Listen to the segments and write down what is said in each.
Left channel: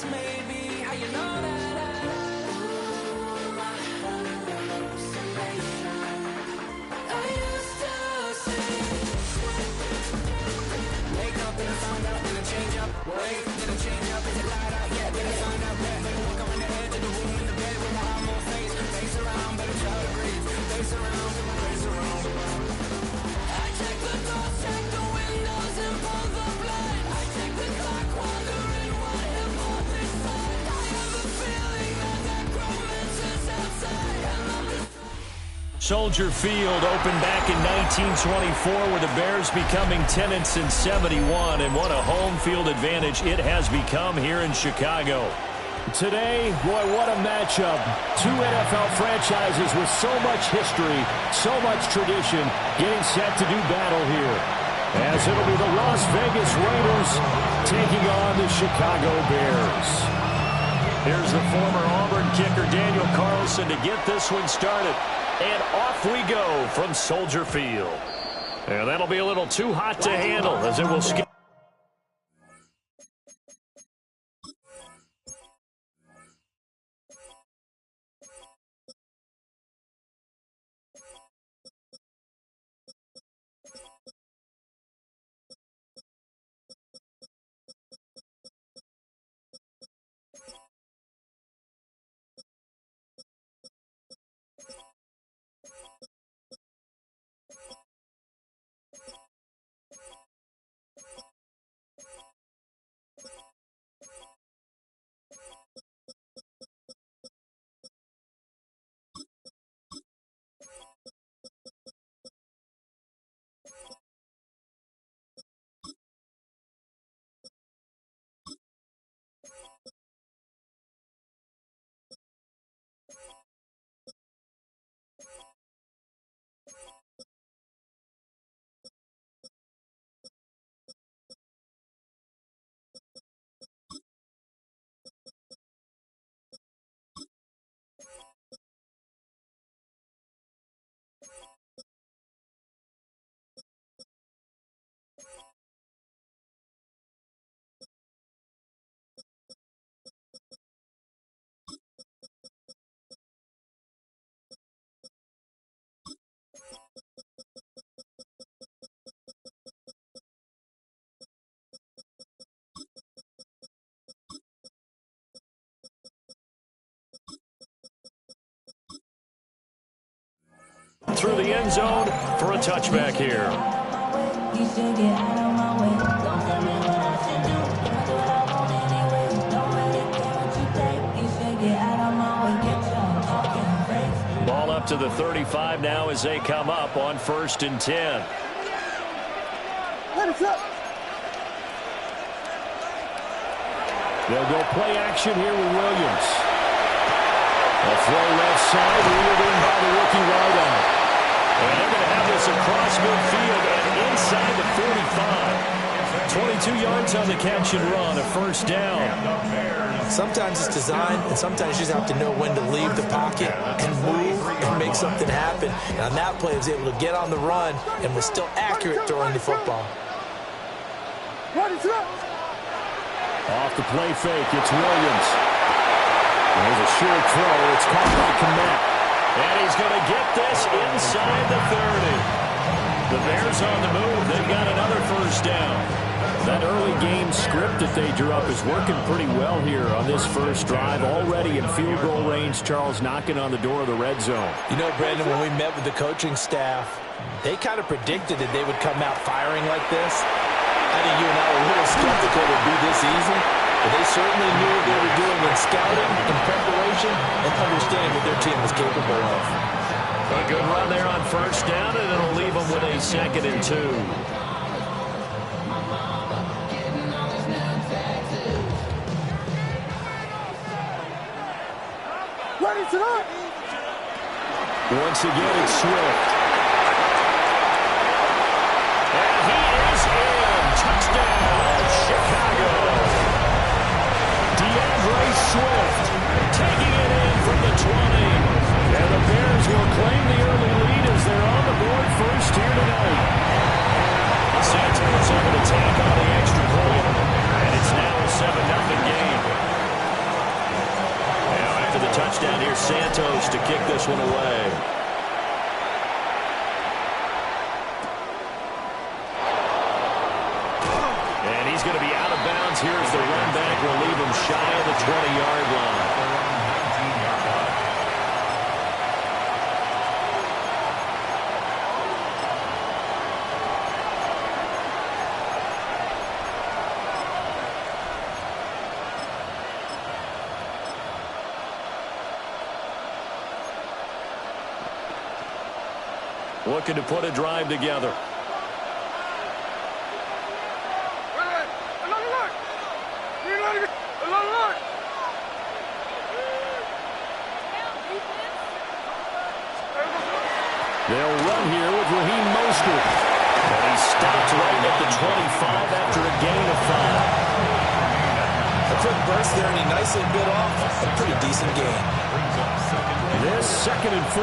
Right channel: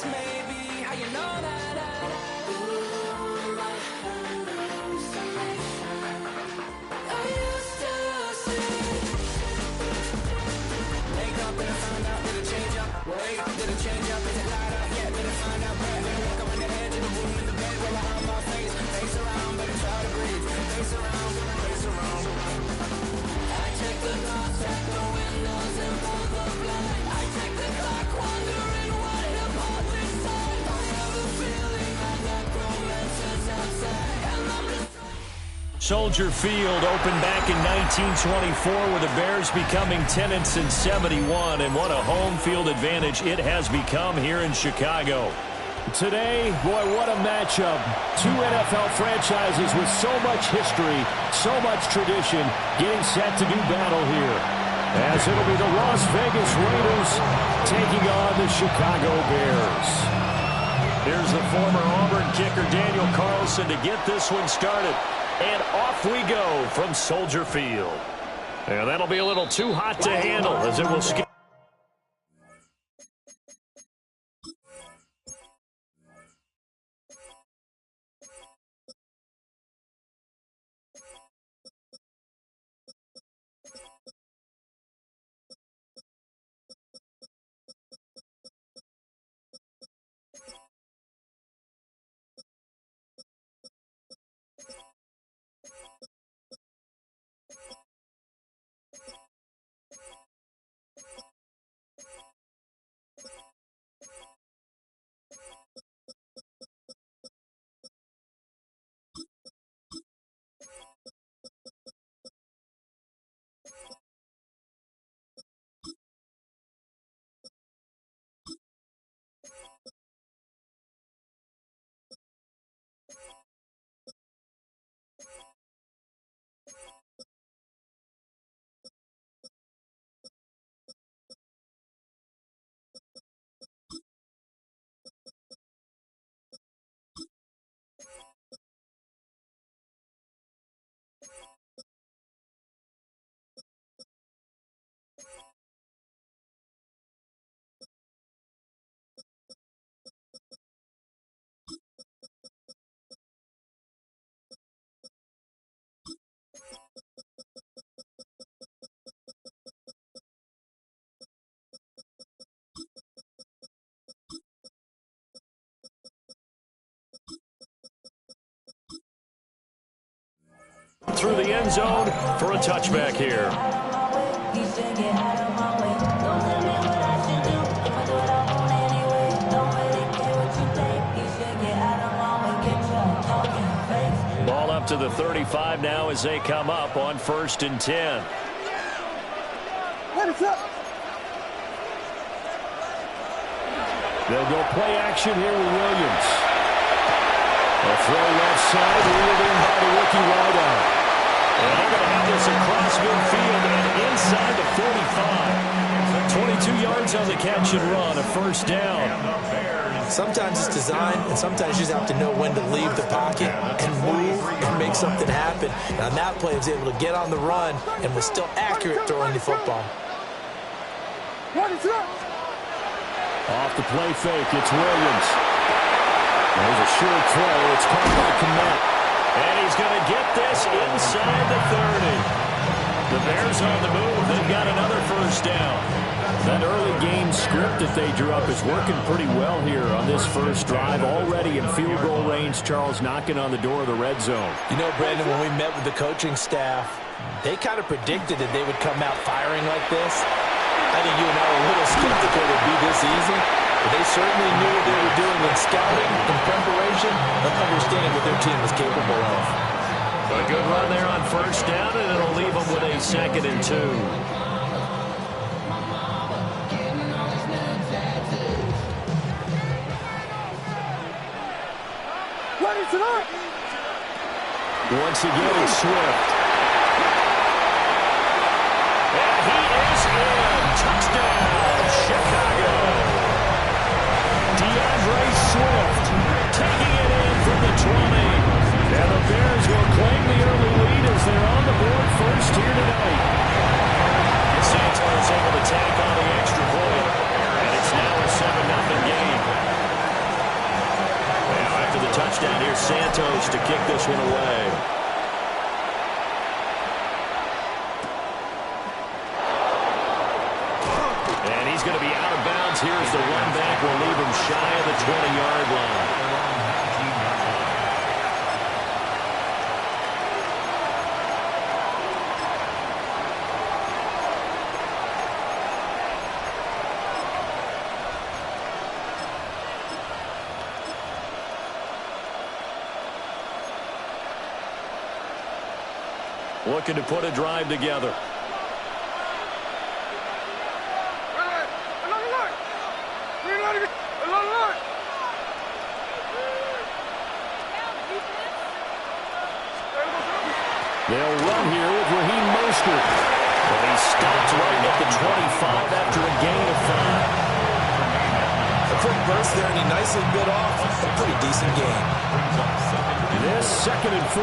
That's maybe how you know that I used to see. Wake up and I found out, did it change up? Wake up, did it change up? Is it light out yet? Did it find out where? Better walk around the edge of the room in the bed with my arm on face around, better try to breathe. Face around, face around. I check the doors, check the windows and pull the blind. I check the clock, wondering what hit all this time. I have a feeling that necromancer's outside, and I'm just... Soldier Field opened back in 1924 with the Bears becoming tenants in 71, and what a home field advantage it has become here in Chicago. Today, boy, what a matchup. Two NFL franchises with so much history, so much tradition, getting set to do battle here. As it'll be the Las Vegas Raiders taking on the Chicago Bears. Here's the former Auburn kicker Daniel Carlson to get this one started. And off we go from Soldier Field. And that'll be a little too hot to handle as it will skip. Through the end zone for a touchback here. Ball up to the 35 now as they come up on 1st and 10. They'll go play action here with Williams. A throw left side, reeled in by the rookie wideout. And they're going to have this across midfield and inside the 45. 22 yards on the catch and run, a 1st down. Sometimes it's designed, and sometimes you just have to know when to leave the pocket and move and make something happen. And on that play, he was able to get on the run and was still accurate throwing the football. Off the play fake, it's Williams. There's a short throw. It's caught by Kmet. And he's going to get this inside the 30. The Bears on the move. They've got another 1st down. That early game script that they drew up is working pretty well here on this first drive. Already in field goal range, Charles, knocking on the door of the red zone. You know, Brandon, when we met with the coaching staff, they kind of predicted that they would come out firing like this. I think you and I were a little skeptical it would be this easy. But they certainly knew what they were doing in scouting, in preparation, and understanding what their team was capable of. A good run there on 1st down, and it'll leave them with a 2nd and 2. Once again, it's Swift. And he is in. Touchdown, Chicago. DeAndre Swift taking it in from the 20. And the Bears will claim the early lead as they're on the board first here tonight. Santos able to tack on the extra point. And it's now a 7-0 game. touchdown. Here's Santos to kick this one away. And he's going to be out of bounds. Here's the run back. We'll leave him shy of the 20-yard line. Looking to put a drive together. They'll run here with Raheem Mostert. But he stopped right at the 25 after a gain of 5. A quick burst there, and he nicely bit off a pretty decent gain. This 2nd and 4.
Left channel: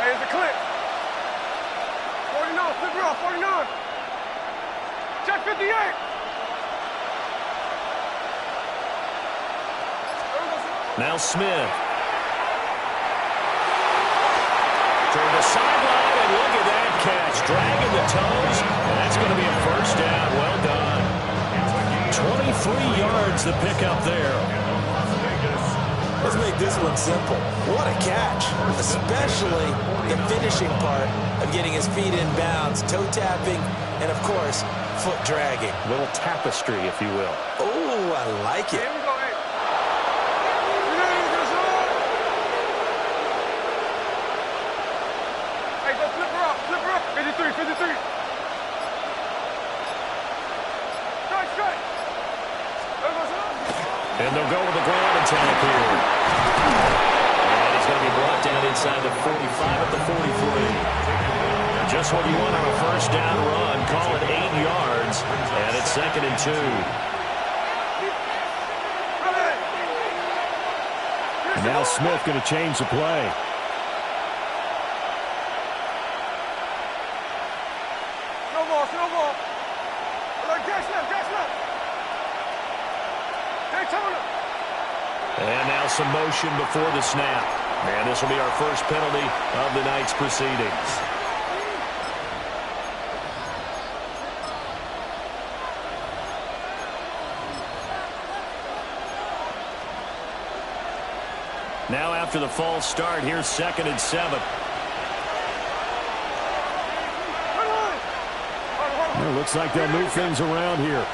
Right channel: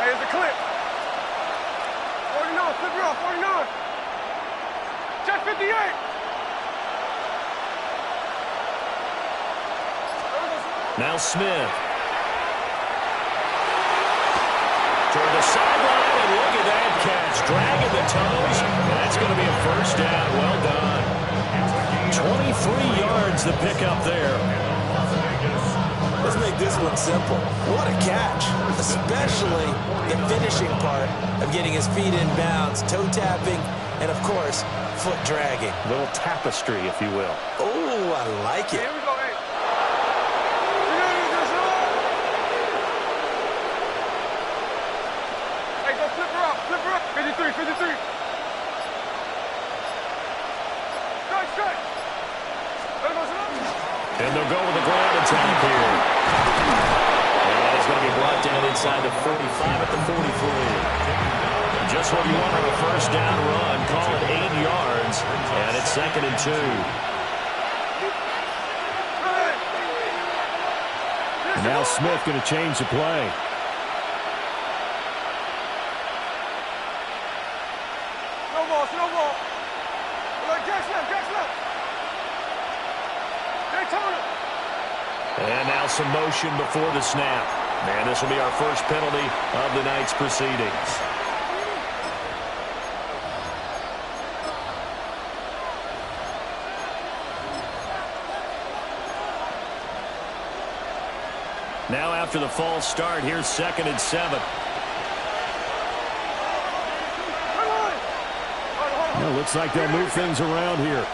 Hey, it's a clip. 49, flip her off, 49. Check 58. Now Smith. Toward the sideline, and look at that catch. Dragging the toes, and that's going to be a first down. Well done. 23 yards the pickup there. Let's make this one simple. What a catch, especially the finishing part of getting his feet in bounds, toe tapping, and, of course, foot dragging. A little tapestry, if you will. Oh, I like it. Here we go, hey. Hey, go flip her up, 53, 53. Strike. And they'll go with the ground attack here. And he's going to be brought down inside the 45 at the 43. Just what you want on a first down run. Call it 8 yards. And it's 2nd and 2. And now Smith going to change the play. No ball. Jack Snap. And now some motion before the snap. And this will be our first penalty of the night's proceedings. Now after the false start, here's 2nd and 7. It looks like they'll move things around here.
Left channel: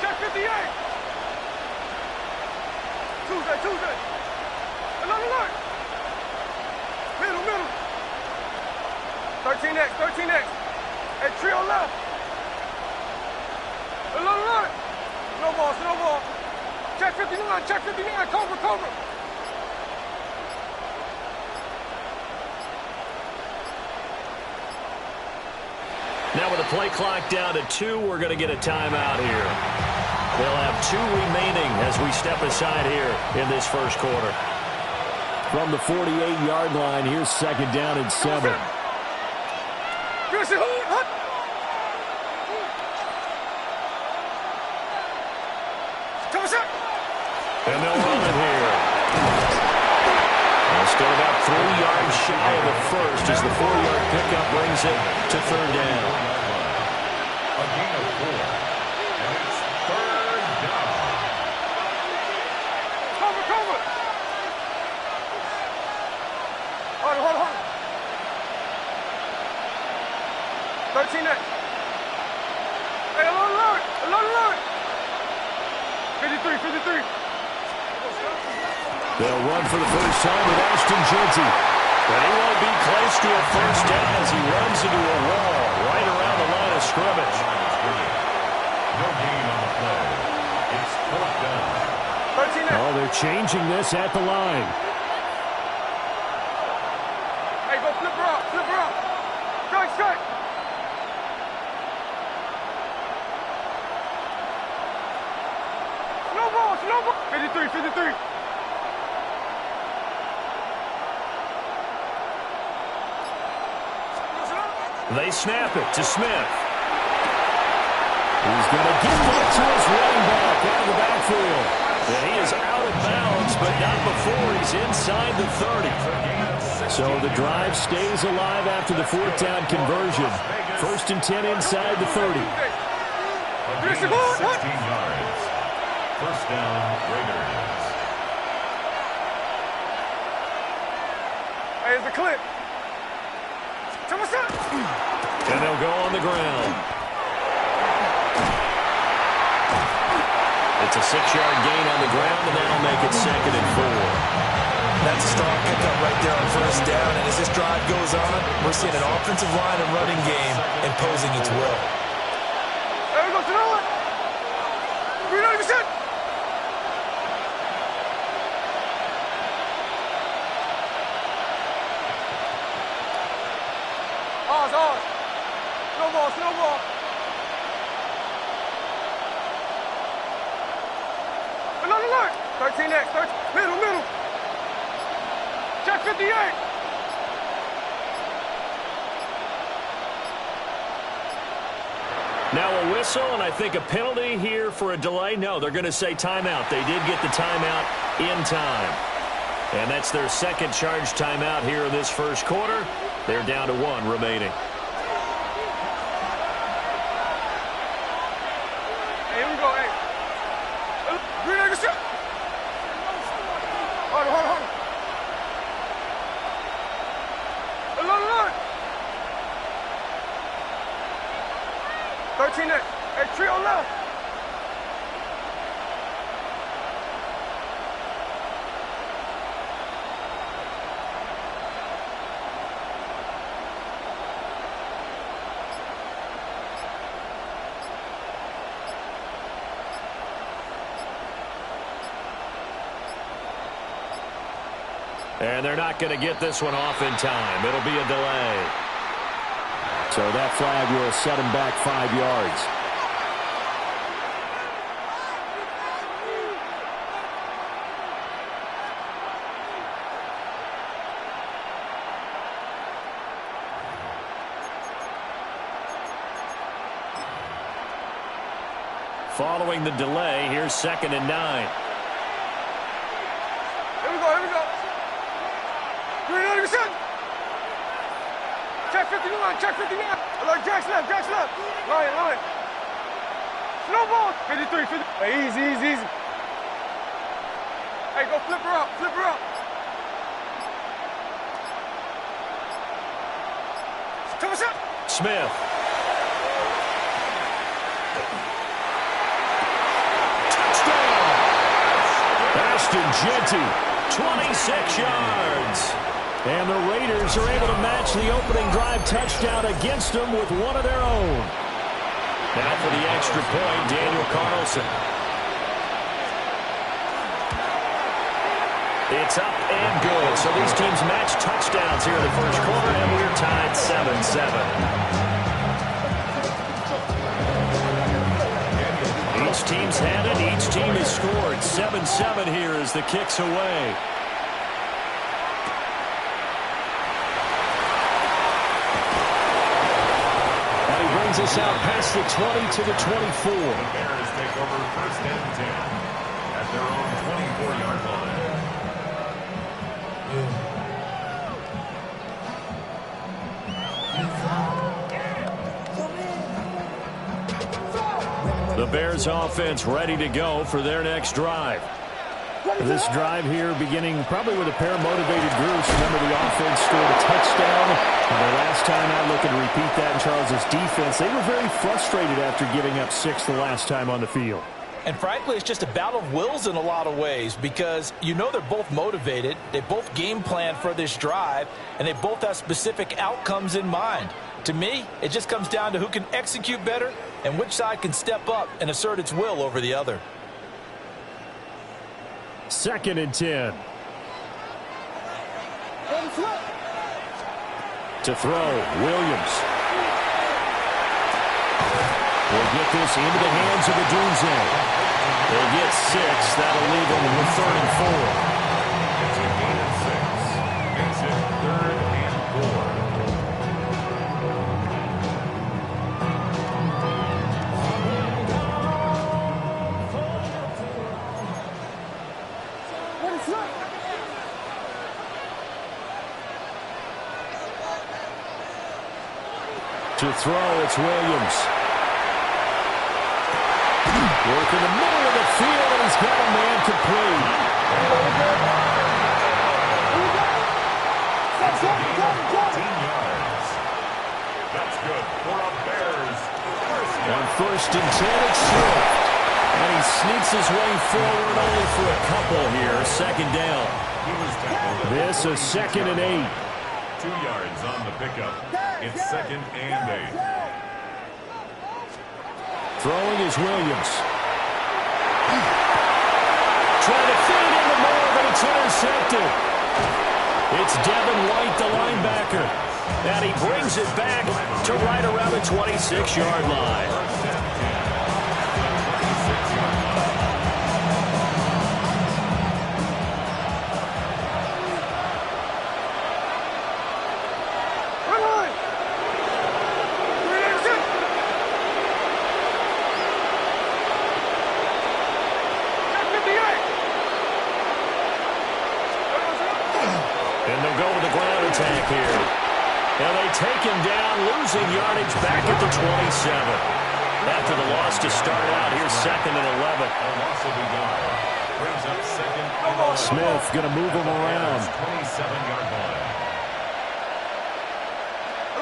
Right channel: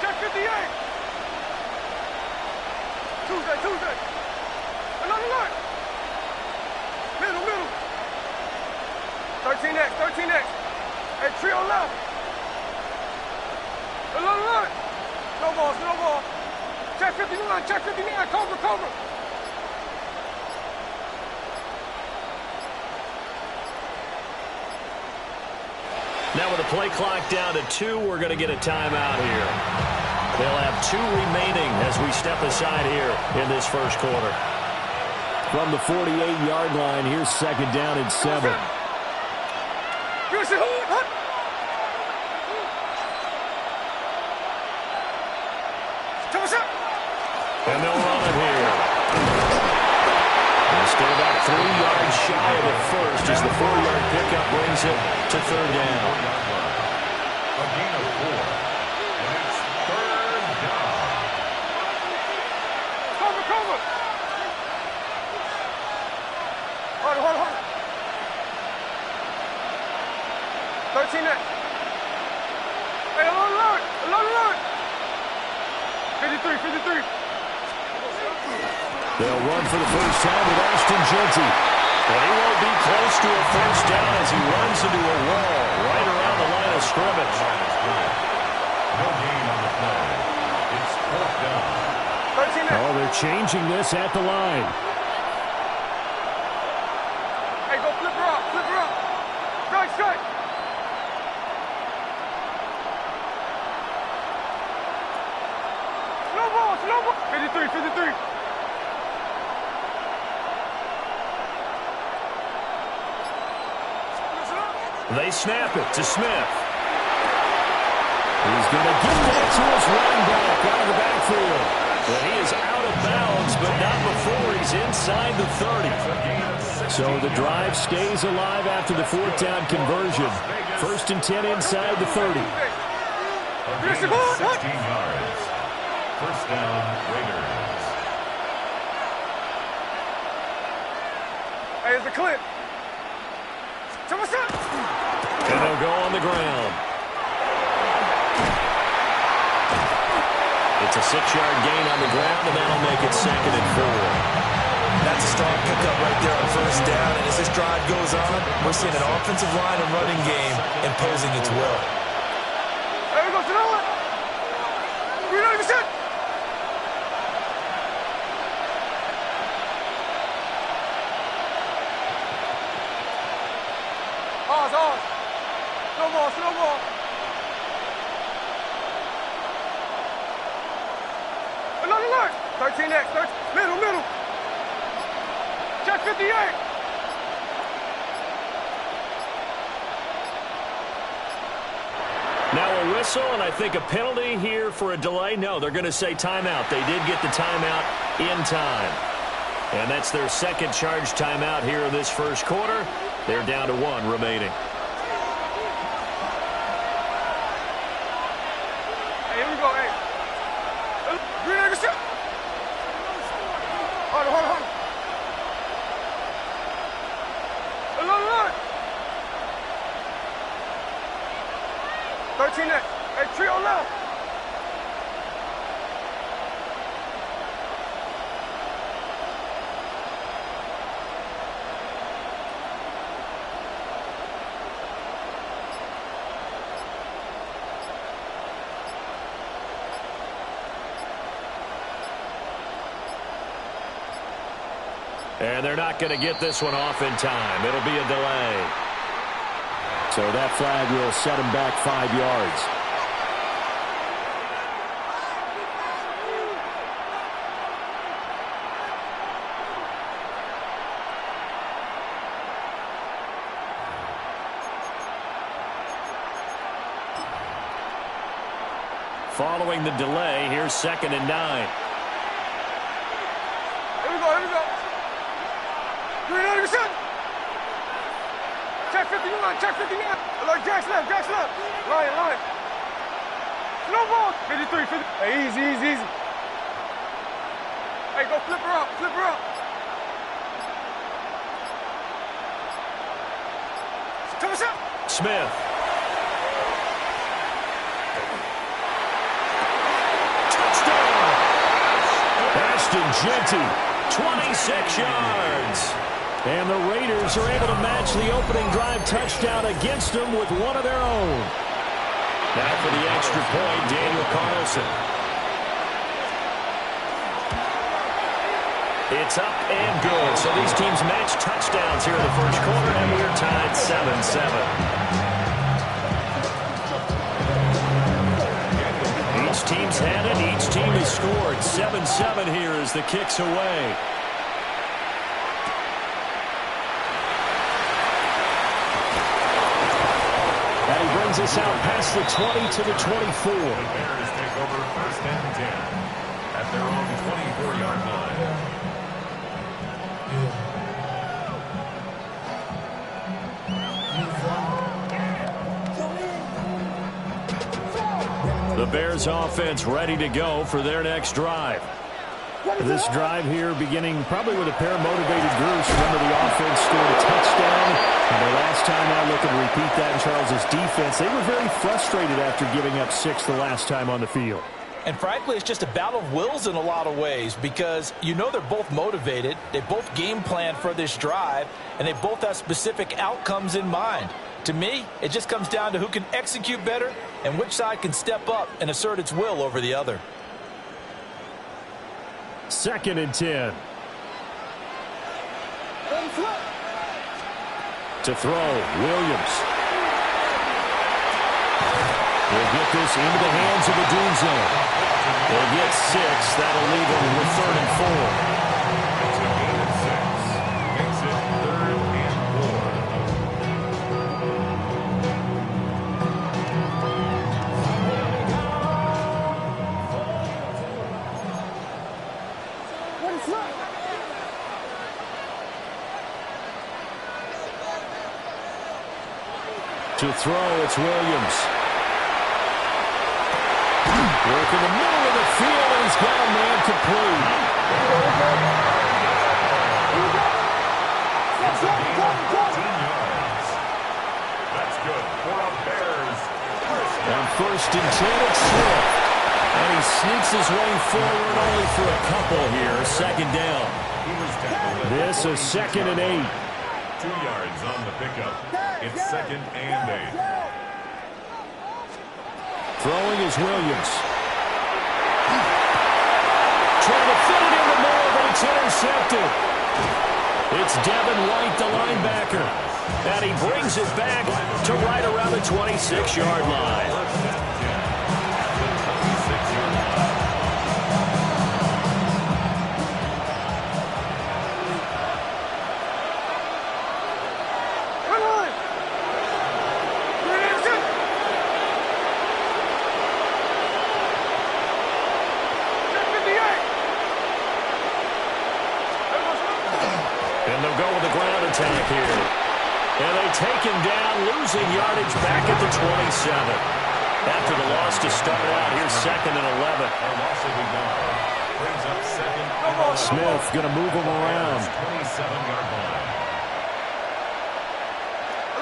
Check 58. Tuesday. Another look. Middle. 13X. Hey, trio left. Another look. No ball. Check 59. Cobra. Now with the play clock down to 2, we're going to get a timeout here. They'll have 2 remaining as we step aside here in this first quarter. From the 48-yard line, here's 2nd down and 7. And they'll run it here. They're still about 3 yards shy of the first as the 4-yard pickup brings it to 3rd down. A gain of 4. And it's 3rd down. Cover. Hold on. 13X. Hey, alert. 53. They'll run for the first time with Ashton Jeanty. And he won't be close to a first down as he runs into a wall right around the line of scrimmage. No gain on the play. It's 4th down. 13X. Oh, they're changing this at the line. Hey, go flip her up. Strike. Slow ball. 53. They snap it to Smith. He's going to get that to his running back out of the backfield. And he is out of bounds, but not before he's inside the 30. So the drive stays alive after the fourth down conversion. 1st and 10 inside the 30. 16 yards. First down, Raiders. Hey, it's a clip. And they'll go on the ground. It's a 6-yard gain on the ground, and that'll make it 2nd and 4. That's a strong pickup right there on first down. And as this drive goes on, we're seeing an offensive line and running game imposing its will. Hey, we go to the line. We're not even set. Ours. Snowball. Alert. 13X. Middle. Check 58. Now a whistle, and I think a penalty here for a delay. No, they're going to say timeout. They did get the timeout in time. And that's their second charge timeout here in this first quarter. They're down to 1 remaining. Hey, here we go, hey. Green egg shot. Hold on. Alert. 13X. Hey, trio left. And they're not going to get this one off in time. It'll be a delay. So that flag will set him back 5 yards. Following the delay, here's 2nd and 9. Here we go. Green egg shot. Check 59. Alert, Jack's left. Line. Snowball. 53. Hey, easy. Hey, go flip her up. Come on, shot. Smith. Touchdown! Ashton Jeanty, 26 yards. And the Raiders are able to match the opening drive touchdown against them with one of their own. Now for the extra point, Daniel Carlson. It's up and good. So these teams match touchdowns here in the first quarter, and we're tied 7-7. Each team's had it. Each team has scored. 7-7 here as the kick's away. And he brings us out past the 20 to the 24. The Bears take over 1st and 10 at their own 24-yard line. The Bears offense ready to go for their next drive. This drive here beginning probably with a pair of motivated groups. Remember, the offense scored a touchdown on their last time out. Looking to repeat that in Charles's defense. They were very frustrated after giving up 6 the last time on the field. And frankly, it's just a battle of wills in a lot of ways because you know they're both motivated. They both game plan for this drive, and they both have specific outcomes in mind. To me, it just comes down to who can execute better and which side can step up and assert its will over the other. 2nd and 10. To throw, Williams. Will get this into the hands of Odunze. They'll get 6. That'll leave them with 3rd and 4. It's a gain of 6. Makes it 3rd and 4. To throw, it's Williams. Work in the middle of the field, and he's got a man complete. It's a gain of 14 yards. That's good for a Bears first down. On 1st and 10, it's Swift. And he sneaks his way forward only for a couple here. 2nd down. He was tackled at This the is 2nd and 8. 2 yards on the pickup. It's 2nd and 8. Throwing is Williams. Trying to fit it into Moore, but it's intercepted. It's Devin White, the linebacker. And he brings it back to right around the 26-yard line. First and 10 at the 26-yard line. Run line. 58. And they'll go with the ground attack here. And they take him down, losing yardage back at the 27. After the loss to start out, here's 2nd and 11. A loss of a yard brings up 2nd and 11. Smith going to move him around. 27-yard line.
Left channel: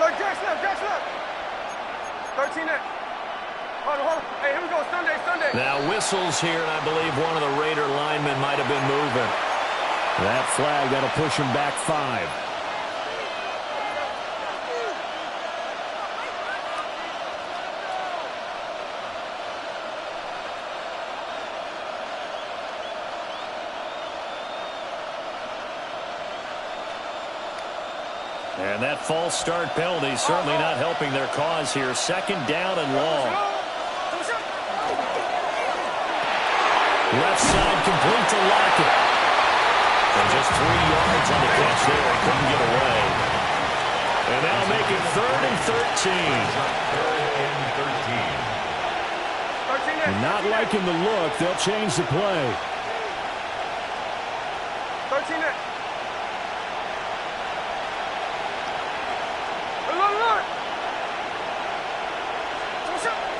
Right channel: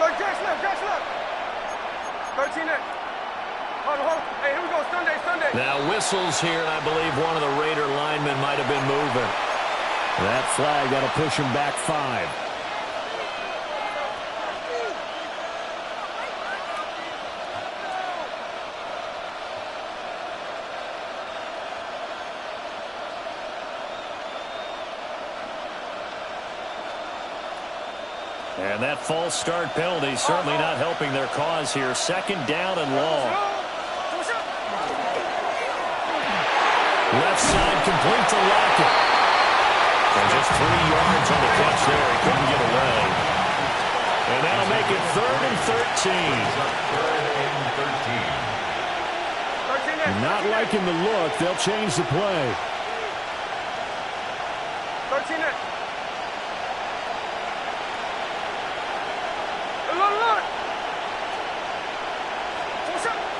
Look, Jack's left. 13 8. Hold on. Hey, here we go. Sunday. Now whistles here, and I believe one of the Raider linemen might have been moving. That flag, that'll push him back 5. And that false start penalty certainly not helping their cause here. 2nd down and long. Left side complete to Lockett. And just 3 yards on the catch there. He couldn't get away. And that'll make it 3rd and 13. 3rd and 13. Not liking the look. They'll change the play. 13 8.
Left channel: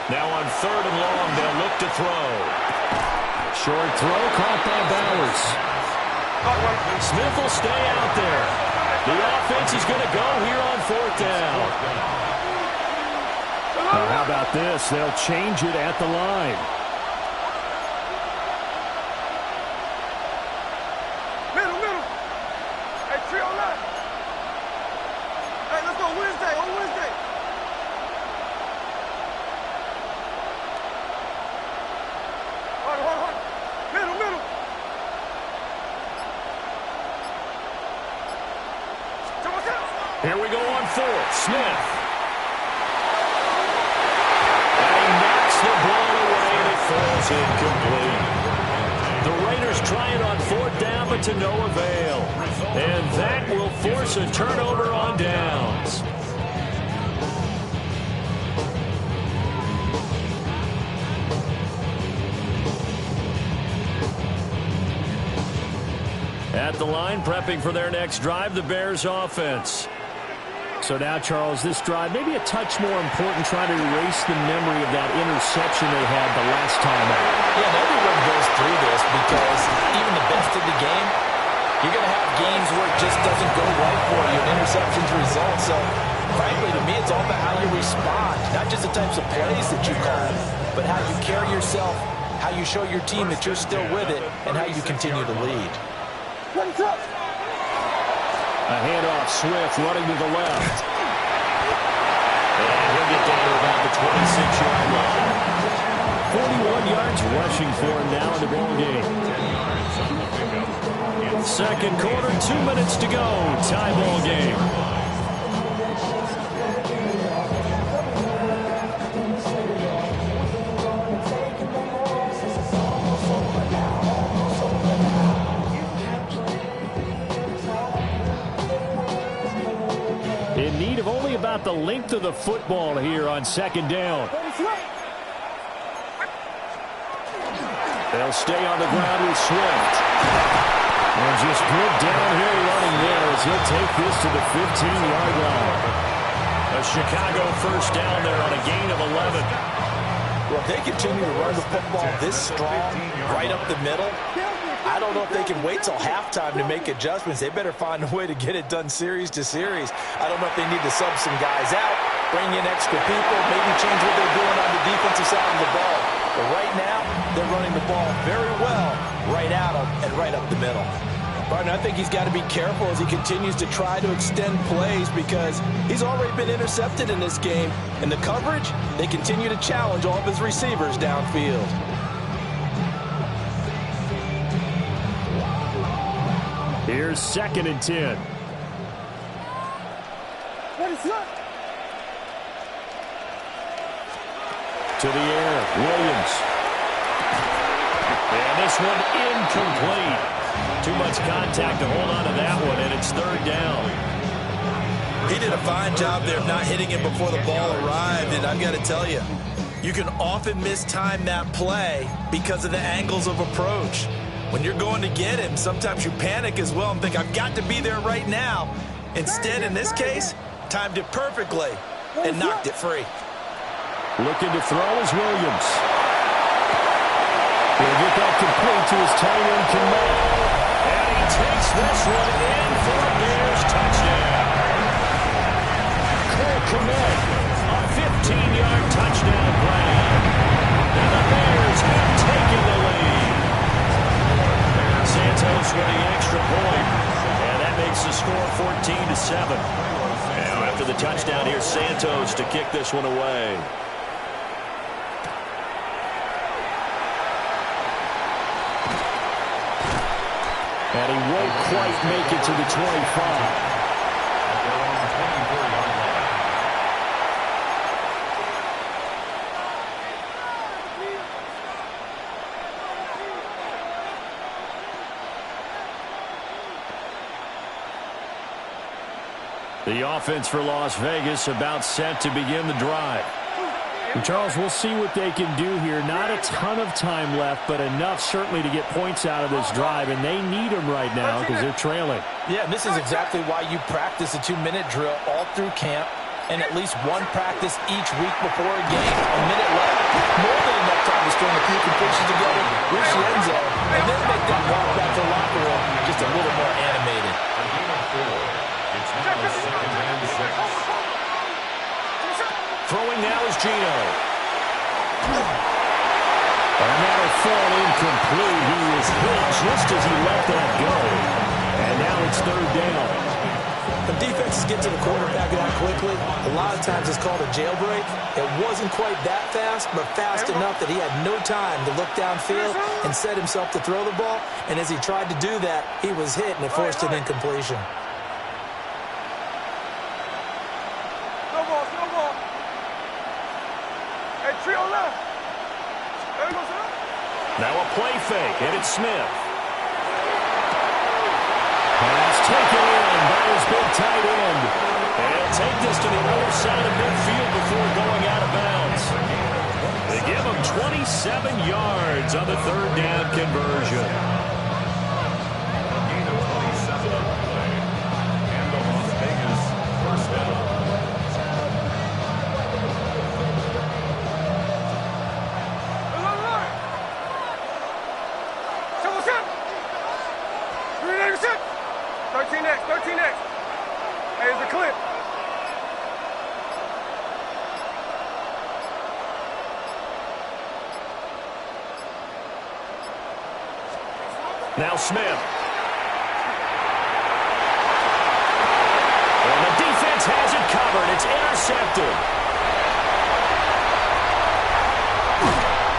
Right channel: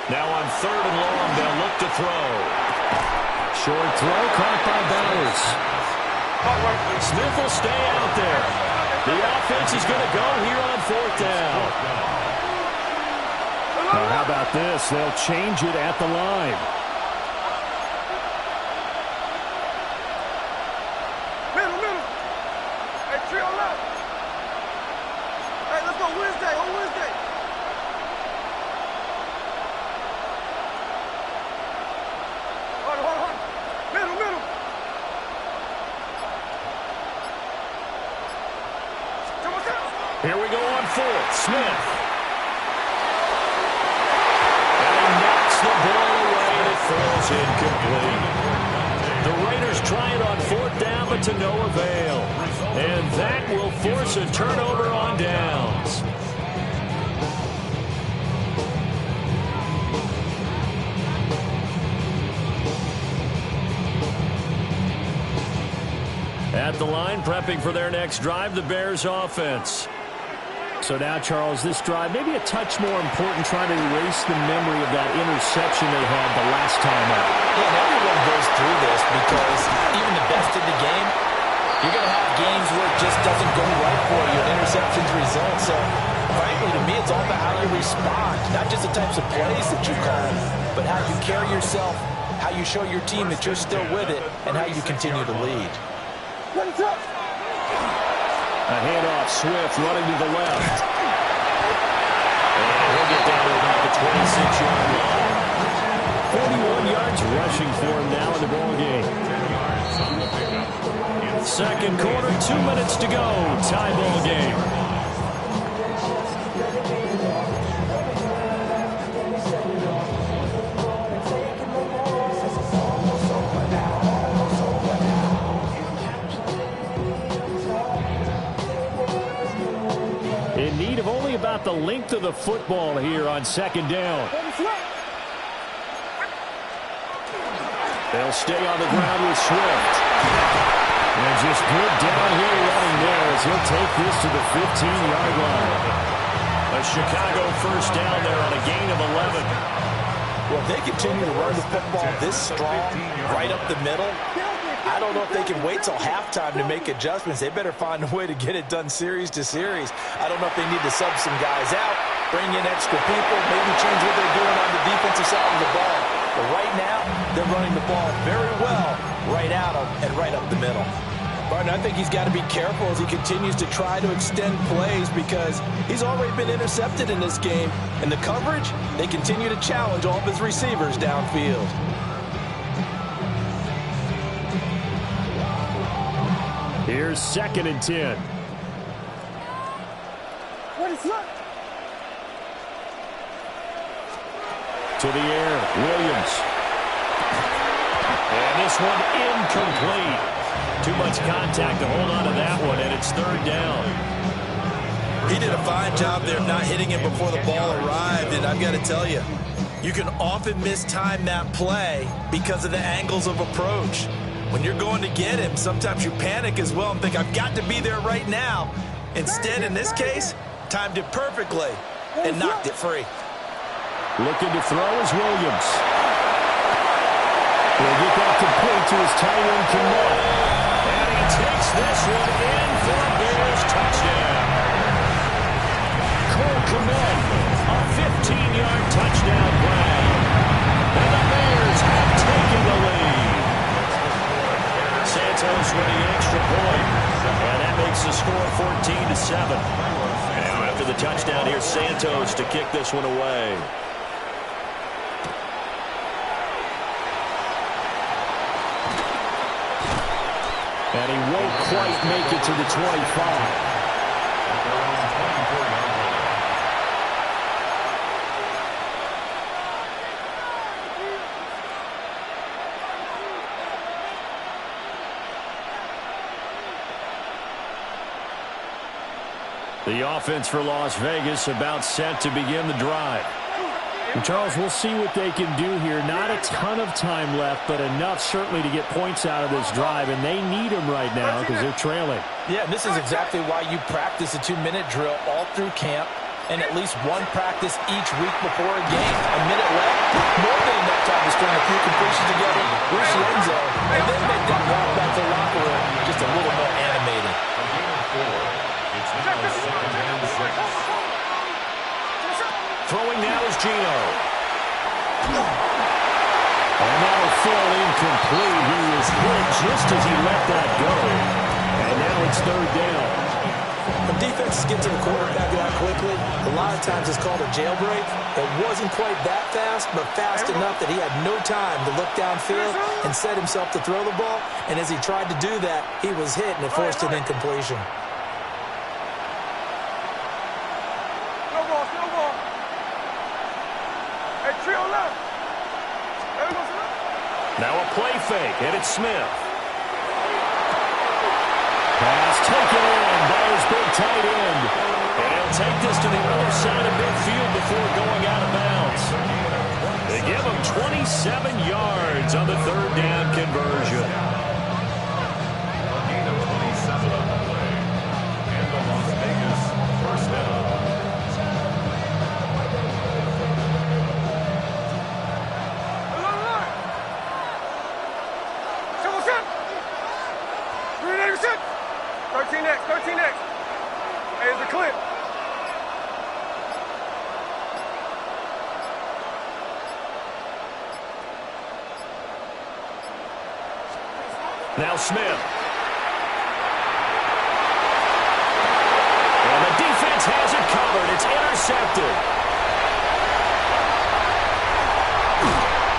Now on 3rd and long, they'll look to throw. Short throw caught by Bowers. Smith will stay out there. The offense is going to go here on 4th down. Now how about this? They'll change it at the line. Middle. Hey, trio left. Hey, let's go Wednesday. On Wednesday. Hold on. Middle. Here we go on 4th. Smith. And he knocks the ball away, and it falls incomplete. The Raiders try it on 4th down, but to no avail. And that will force a turnover on downs. At the line, prepping for their next drive, the Bears offense. So now, Charles, this drive maybe a touch more important, trying to erase the memory of that interception they had the last time out. Yeah, and everyone goes through this because even the best of the game, you're going to have games where it just doesn't go right for you, and interceptions result. So, frankly, to me, it's all about how you respond, not just the types of plays that you call, but how you carry yourself, how you show your team that you're still with it, and how you continue to lead. A handoff, Swift running to the left. And he'll get down to about the 26-yard line. 41 yards rushing for him now in the ball game. 10 yards on the pickup. 2nd quarter, 2 minutes to go. Tie ball game. In need of only about the length of the football here on 2nd down. They'll stay on the ground with Swift. And just good downhill running there as he'll take this to the 15-yard line. A Chicago first down there on a gain of 11. Well, if they continue to run the football this strong, right up the middle, I don't know if they can wait till halftime to make adjustments. They better find a way to get it done series to series. I don't know if they need to sub some guys out, bring in extra people, maybe change what they're doing on the defensive side of the ball. But right now, they're running the ball very well right at them and right up the middle. Barton, I think he's got to be careful as he continues to try to extend plays because he's already been intercepted in this game. And the coverage, they continue to challenge all of his receivers downfield. Here's 2nd and 10. What is that? To the air, Williams. And this one incomplete. Too much contact to hold on to that one, and it's 3rd down. He did a fine job there of not hitting him before the ball arrived, and I've got to tell you, you can often mistime that play because of the angles of approach. When you're going to get him, sometimes you panic as well and think, I've got to be there right now. Instead, in this case, timed it perfectly and knocked it free. Looking to throw is Williams. He'll get that complete to his tight end, Kmet. And he takes this one in for a Bears touchdown. Cole Kmet, a 15-yard touchdown grab. And the Bears have taken the lead. Santos with the extra point. And that makes the score 14-7. Now after the touchdown, here's Santos to kick this one away. And he won't quite make it to the 25. The offense for Las Vegas about set to begin the drive. And Charles, we'll see what they can do here. Not a ton of time left, but enough certainly to get points out of this drive, and they need them right now because they're trailing. Yeah, and this is exactly why you practice a 2-minute drill all through camp and at least one practice each week before a game. A minute left, more than enough time to string a few completions together, reach the end zone, and then make that walk back to the locker room just a little more animated. A gain of 4. It's now 2nd and 6. Throwing now is Gino. And that'll fall incomplete. He was hit just as he let that go. And now it's 3rd down. When defenses get to the quarterback that quickly, a lot of times it's called a jailbreak. It wasn't quite that fast, but fast enough that he had no time to look downfield and set himself to throw the ball. And as he tried to do that, he was hit and it forced an incompletion. No ball, no ball. Hey, trio left. There we go, Now a play fake, and it's Smith. Pass taken in by his big tight end. And he'll take this to the other side of midfield before going out of bounds. They give him 27 yards on the 3rd down conversion. A gain of 27 on the play. And the Las Vegas first down. Hey, 13X, 13X. Hey, it's a clip. Now Smith. And the defense has it covered. It's intercepted.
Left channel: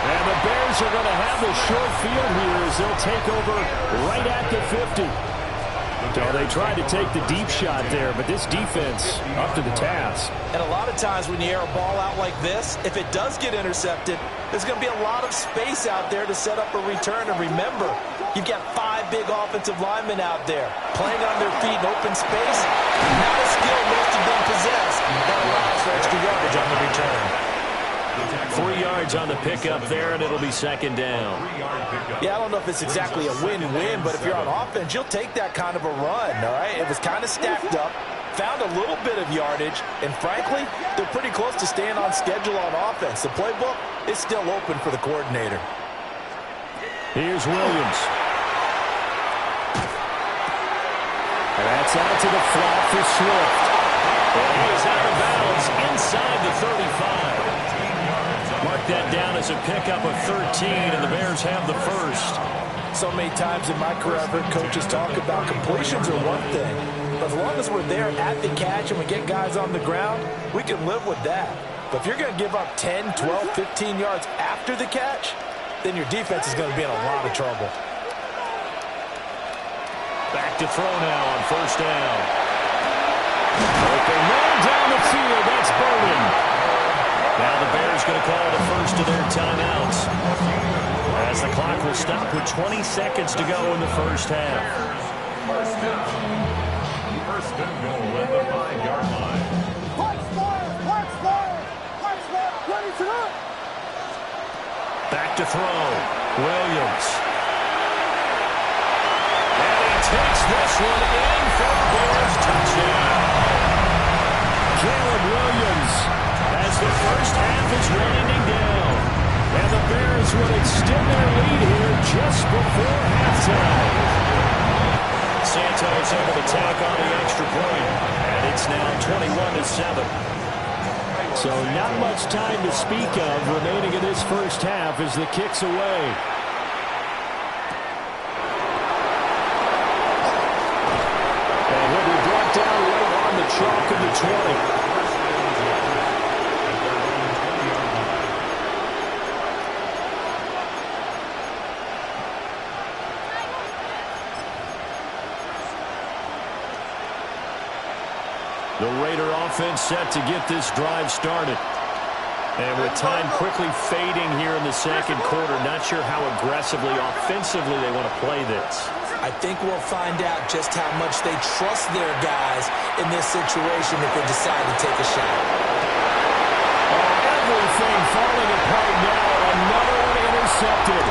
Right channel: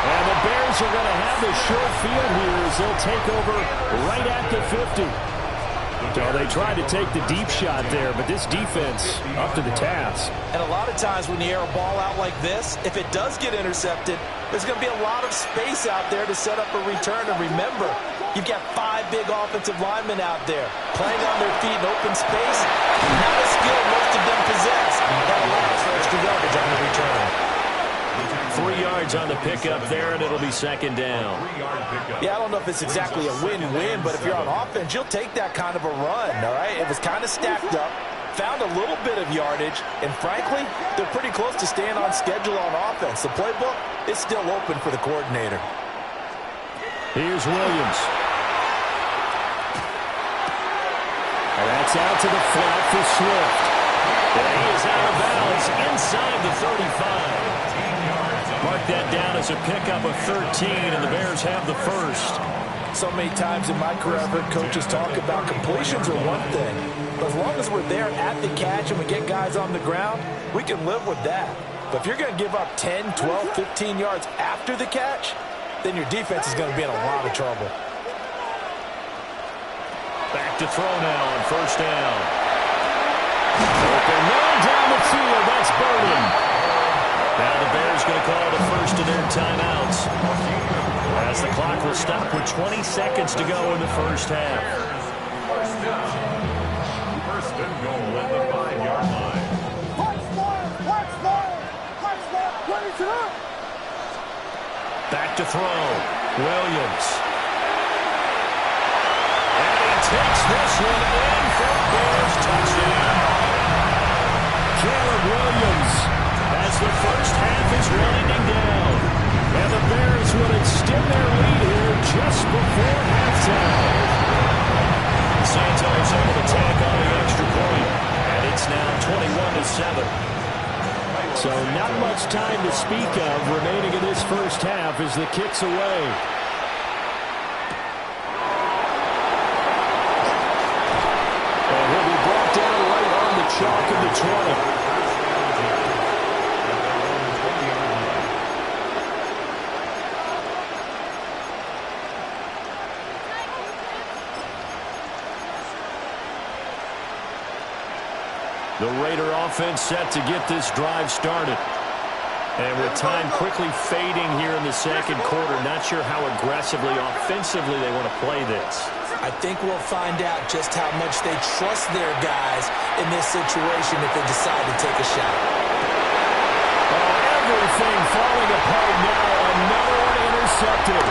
And the Bears are going to have the short field here as they'll take over right at the 50. So they tried to take the deep shot there, but this defense up to the task. And a lot of times when you air a ball out like this, if it does get intercepted, there's going to be a lot of space out there to set up a return. And remember, you've got 5 big offensive linemen out there playing on their feet in open space. Not a skill most of them possess that allows for extra yardage on the return. 3 yards on the pickup there, and it'll be second down. Yeah, I don't know if it's exactly a win-win, but if you're on offense, you'll take that kind of a run, all right? It was kind of stacked up, found a little bit of yardage, and frankly, they're pretty close to staying on schedule on offense. The playbook is still open for the coordinator. Here's Williams. And that's out to the flat for Swift. And he is out of bounds inside the 35. Mark that down as a pickup of 13, and the Bears have the first. So many times in my career, I've heard coaches talk about completions are one thing, but as long as we're there at the catch and we get guys on the ground, we can live with that. But if you're going to give up 10, 12, 15 yards after the catch, then your defense is going to be in a lot of trouble. Back to throw now on first down. Open man down the field. That's Burden. Now the Bears going to call the first of their timeouts, as the clock will stop with 20 seconds to go in the first half. First down. First and goal at the 5-yard line. Back to throw. Williams. And he takes this one in for a Bears touchdown. Caleb Williams, as the first half is winding down. And the Bears will extend their lead here just before halftime. Santos able to tack on the extra point. And it's now 21-7. So not much time to speak of remaining in this first half as the kick's away. And he'll be brought down right on the chalk of the 20. The Raider offense set to get this drive started. And with time quickly fading here in the second quarter, not sure how aggressively, offensively they want to play this. I think we'll find out just how much they trust their guys in this situation if they decide to take a shot. Oh, everything falling apart now. Another one intercepted.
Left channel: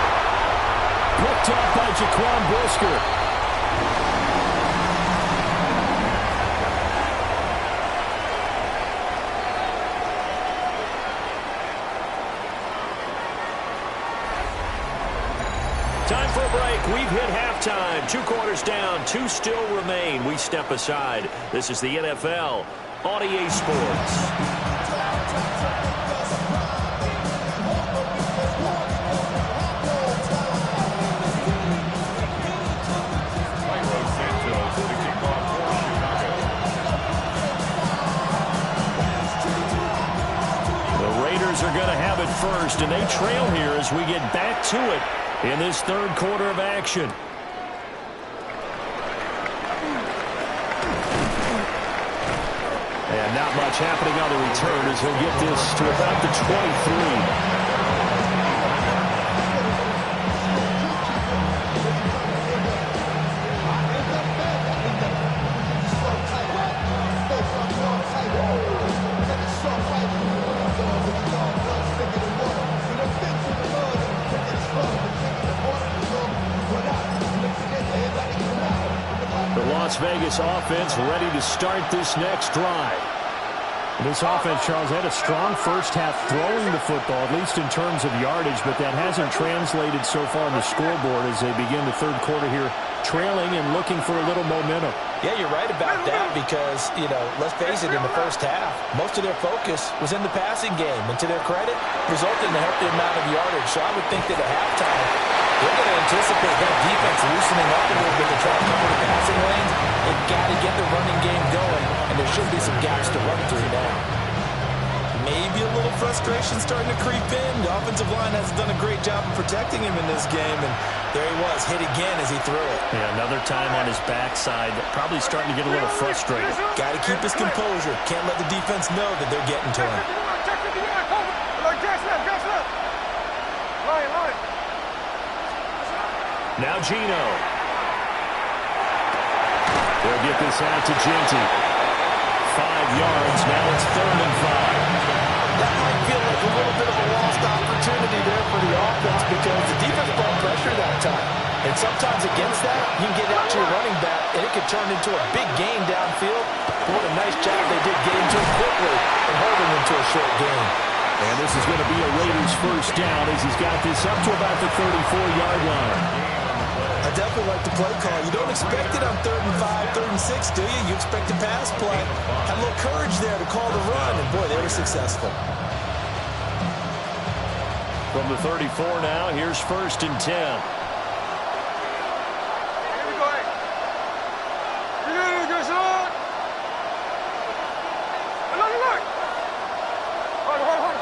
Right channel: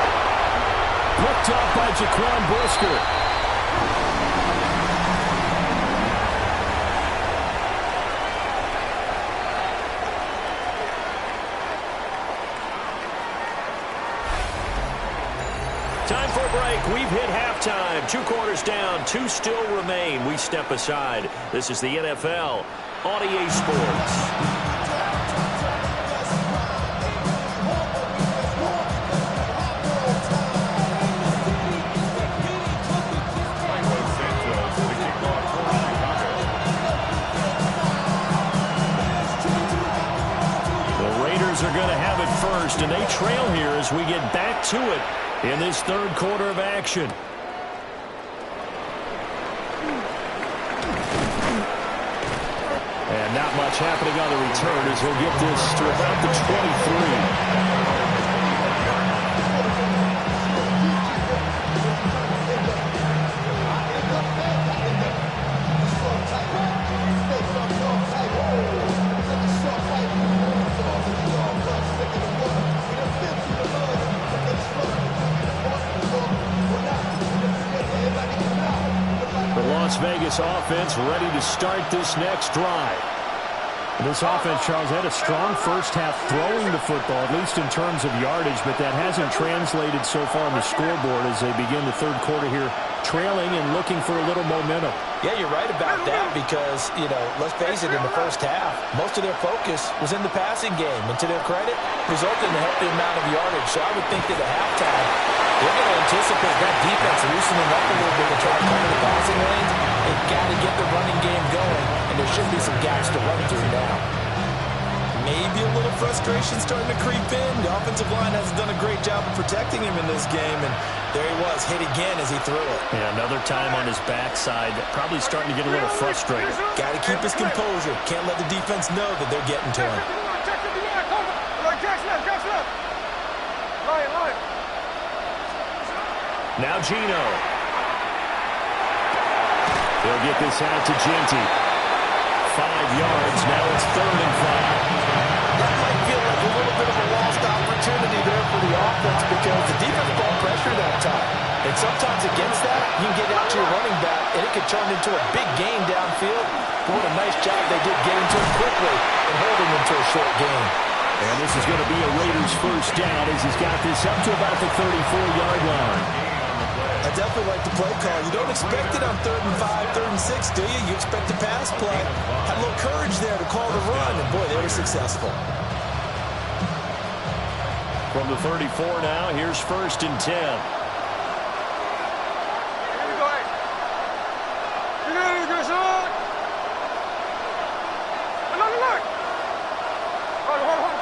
Picked up by Jaquan Brisker. Time for a break. We've hit halftime. 2 quarters down. 2 still remain. We step aside. This is the NFL on EA Sports. The Raiders are going to have it first, and they trail here as we get back to it in this third quarter of action. And not much happening on the return as he'll get this to about the 23. The Las Vegas offense ready to start this next drive. This offense, Charles, had a strong first half throwing the football, at least in terms of yardage, but that hasn't translated so far on the scoreboard as they begin the third quarter here, trailing and looking for a little momentum. Yeah, you're right about that because, you know, let's face it, in the first half, most of their focus was in the passing game. And to their credit, resulted in a healthy amount of yardage. So I would think that at halftime, they're going to anticipate that defense loosening up a little bit to try to cover the passing lanes. They've got to get the running game going, and there should be some gaps to run through now. Maybe a little frustration starting to creep in. The offensive line hasn't done a great job of protecting him in this game, and there he was, hit again as he threw it. Yeah, another time on his backside, probably starting to get a little frustrated. Got to keep his composure. Can't let the defense know that they're getting to him. Now Gino. They'll get this out to Genty. 5 yards. Now it's 3rd and 5. That might feel like a little bit of a lost opportunity there for the offense because the defense brought pressure that time. And sometimes against that, you can get out to your running back, and it can turn into a big gain downfield. But what a nice job they did getting to him quickly and holding him to a short gain. And this is going to be a Raiders first down as he's got this up to about the 34-yard line. I definitely like the play call. You don't expect it on 3rd and 5, 3rd and 6, do you? You expect a pass play. Had a little courage there to call the run, and boy, they were successful. From the 34 now, here's 1st and 10. Here we go. You got it, good son. Look. Hold on.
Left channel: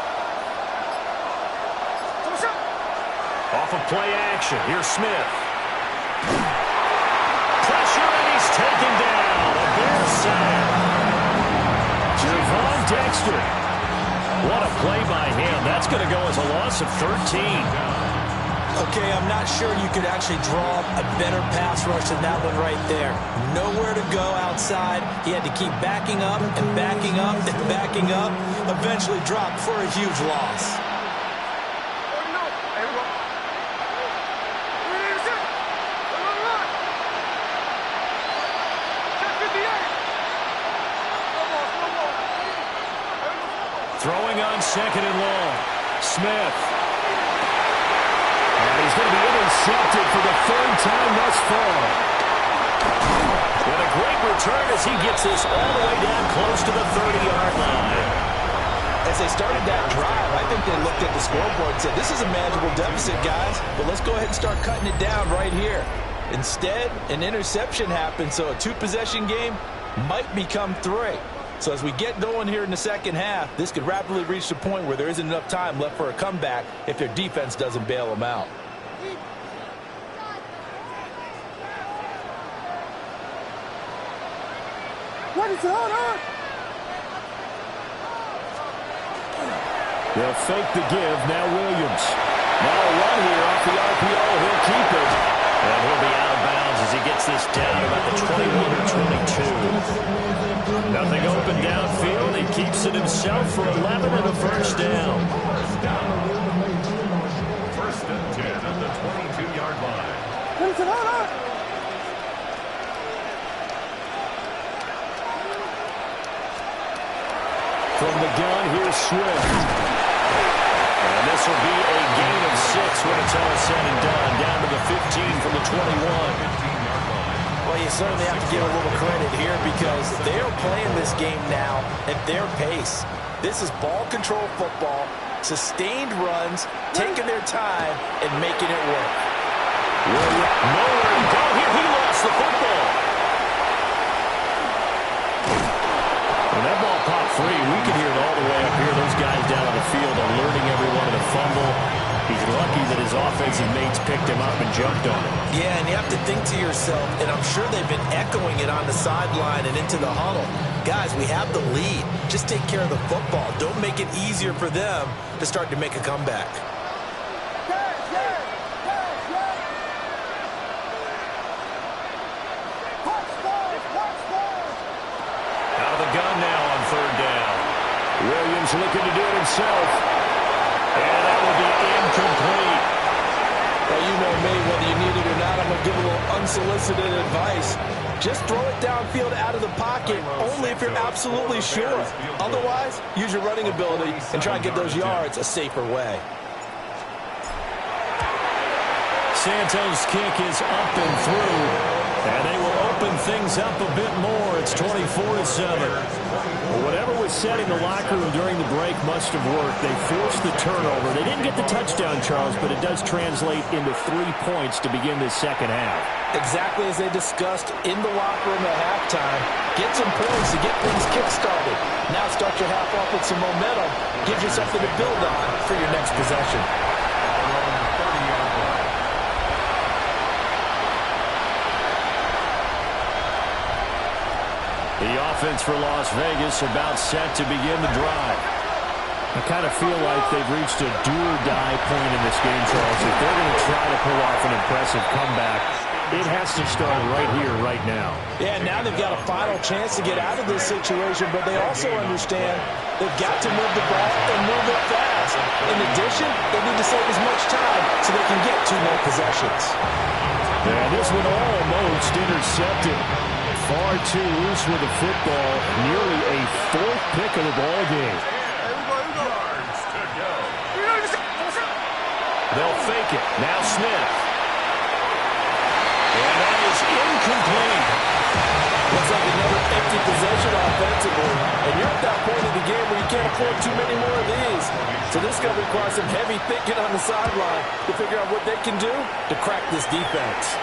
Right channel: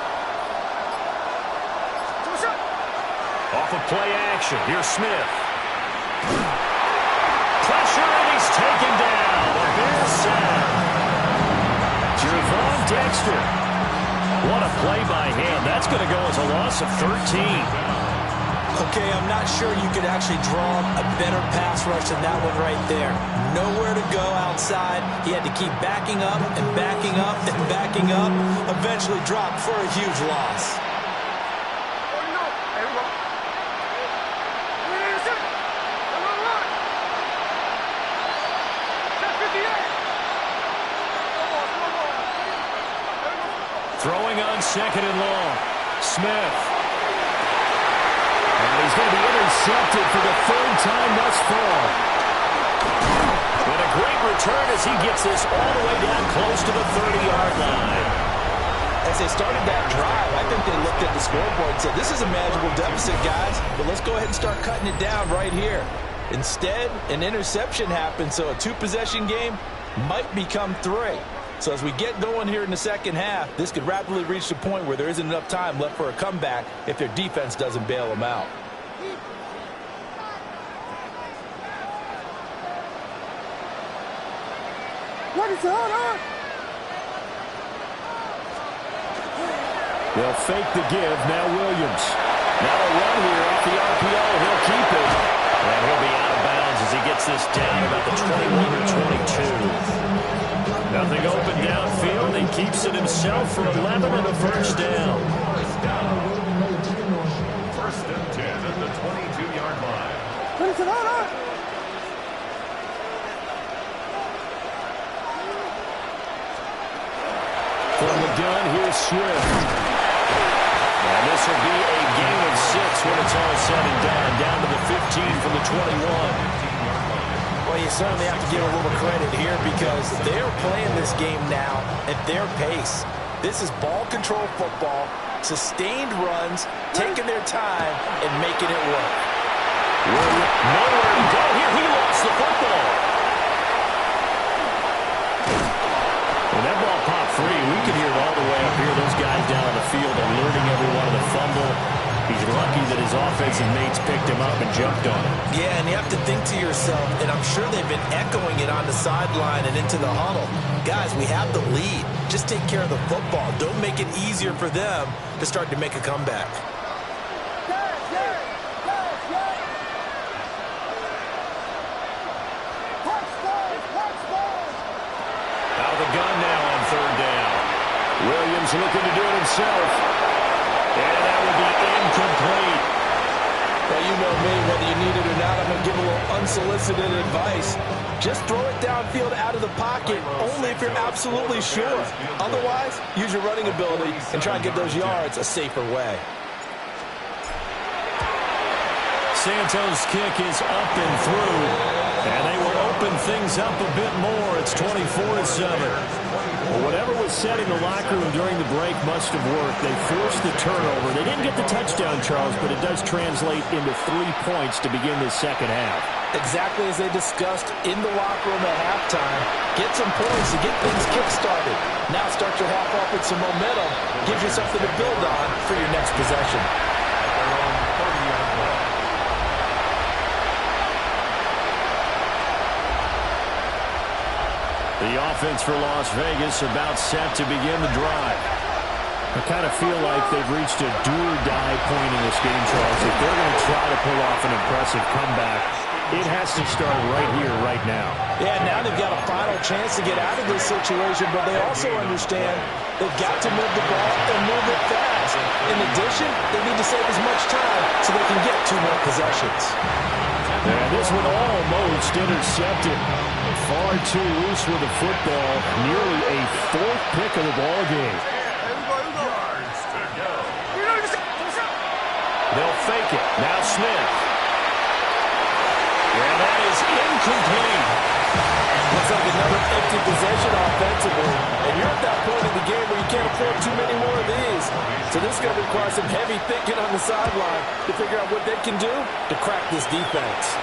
Off of play action, here's Smith. Pressure, and he's taken down. A Bears sack. Gervon Dexter. What a play by him. That's going to go as a loss of 13. Okay, I'm not sure you could actually draw a better pass rush than that one right there. Nowhere to go outside. He had to keep backing up and backing up and backing up. Eventually dropped for a huge loss. Throwing on 2nd and long. Smith. And he's going to be intercepted for the 3rd time thus far. And a great return as he gets this all the way down close to the 30-yard line. As they started that drive, I think they looked at the scoreboard and said, this is a manageable deficit, guys, but let's go ahead and start cutting it down right here. Instead, an interception happened, so a 2-possession game might become 3. So as we get going here in the second half, this could rapidly reach the point where there isn't enough time left for a comeback if their defense doesn't bail them out. What is going on? They'll fake the give. Now Williams. Now a run here off the RPO. He'll keep it. And he'll be out of bounds as he gets this down about the 21 or 22. Nothing open downfield. He keeps it himself for 11 and a first down. 1st and 10 at the 22-yard line. What is it on? From the gun, here's Swift. And this will be a gain of 6 when it's all said and done. Down to the 15 from the 21. Well, you certainly have to give a little credit here because they're playing this game now at their pace. This is ball control football, sustained runs, taking their time, and making it work. Nowhere to go here. He lost the football. When that ball popped free, we could hear it all the way up here. Those guys down on the field alerting everyone of the fumble. He's lucky that his offensive mates picked him up and jumped on him. Yeah, and you have to think to yourself, and I'm sure they've been echoing it on the sideline and into the huddle. Guys, we have the lead. Just take care of the football. Don't make it easier for them to start to make a comeback. Out of the gun now on 3rd down. Williams looking to do it himself. And that would be incomplete. Well, you know me, whether you need it or not, I'm going to give a little unsolicited advice. Just throw it downfield out of the pocket, only if you're absolutely sure. Otherwise, use your running ability and try and get those yards a safer way. Santos' kick is up and through. And they will open things up a bit more. It's 24-7. Well, whatever was said in the locker room during the break must have worked. They forced the turnover. They didn't get the touchdown, Charles, but it does translate into 3 points to begin this second half. Exactly as they discussed in the locker room at halftime. Get some points to get things kick-started. Now start your half off with some momentum. Gives you something to build on for your next possession. At their own 30-yard line. The offense for Las Vegas about set to begin the drive. I kind of feel like they've reached a do-or-die point in this game, Charles. If they're going to try to pull off an impressive comeback, It has to start right here, right now. Yeah, now they've got a final chance to get out of this situation, but they also understand they've got to move the ball and move it fast. In addition, they need to save as much time so they can get 2 more possessions. Yeah, this one almost intercepted. Far too loose with the football. Nearly a 4th pick of the ball game. Yards to go. They'll fake it. Now Smith. And that is incomplete. Looks like another empty possession offensively. And you're at that point in the game where you can't afford too many more of these. So this is going to require some heavy thinking on the sideline to figure out what they can do to crack this defense.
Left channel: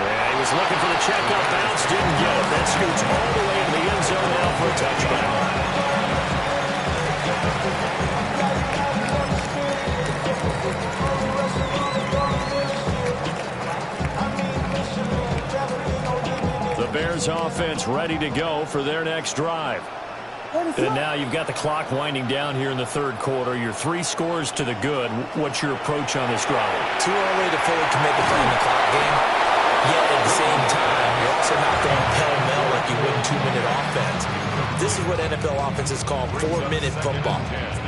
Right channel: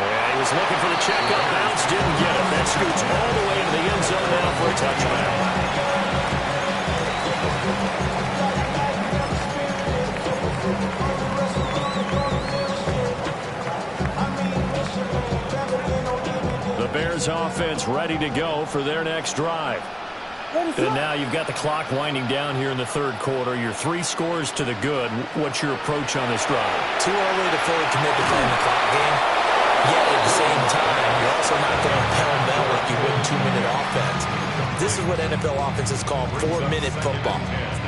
Yeah, he was looking for the checkup bounce, didn't get it. That scoots all the way into the end zone now for a touchback. The Bears offense ready to go for their next drive. And now you've got the clock winding down here in the 3rd quarter. You're 3 scores to the good. What's your approach on this drive? Too early to fully commit to playing the clock game. Yet at the same time, you're also not going pell-mell like you would in 2-minute offense. This is what NFL offenses call 4-minute football.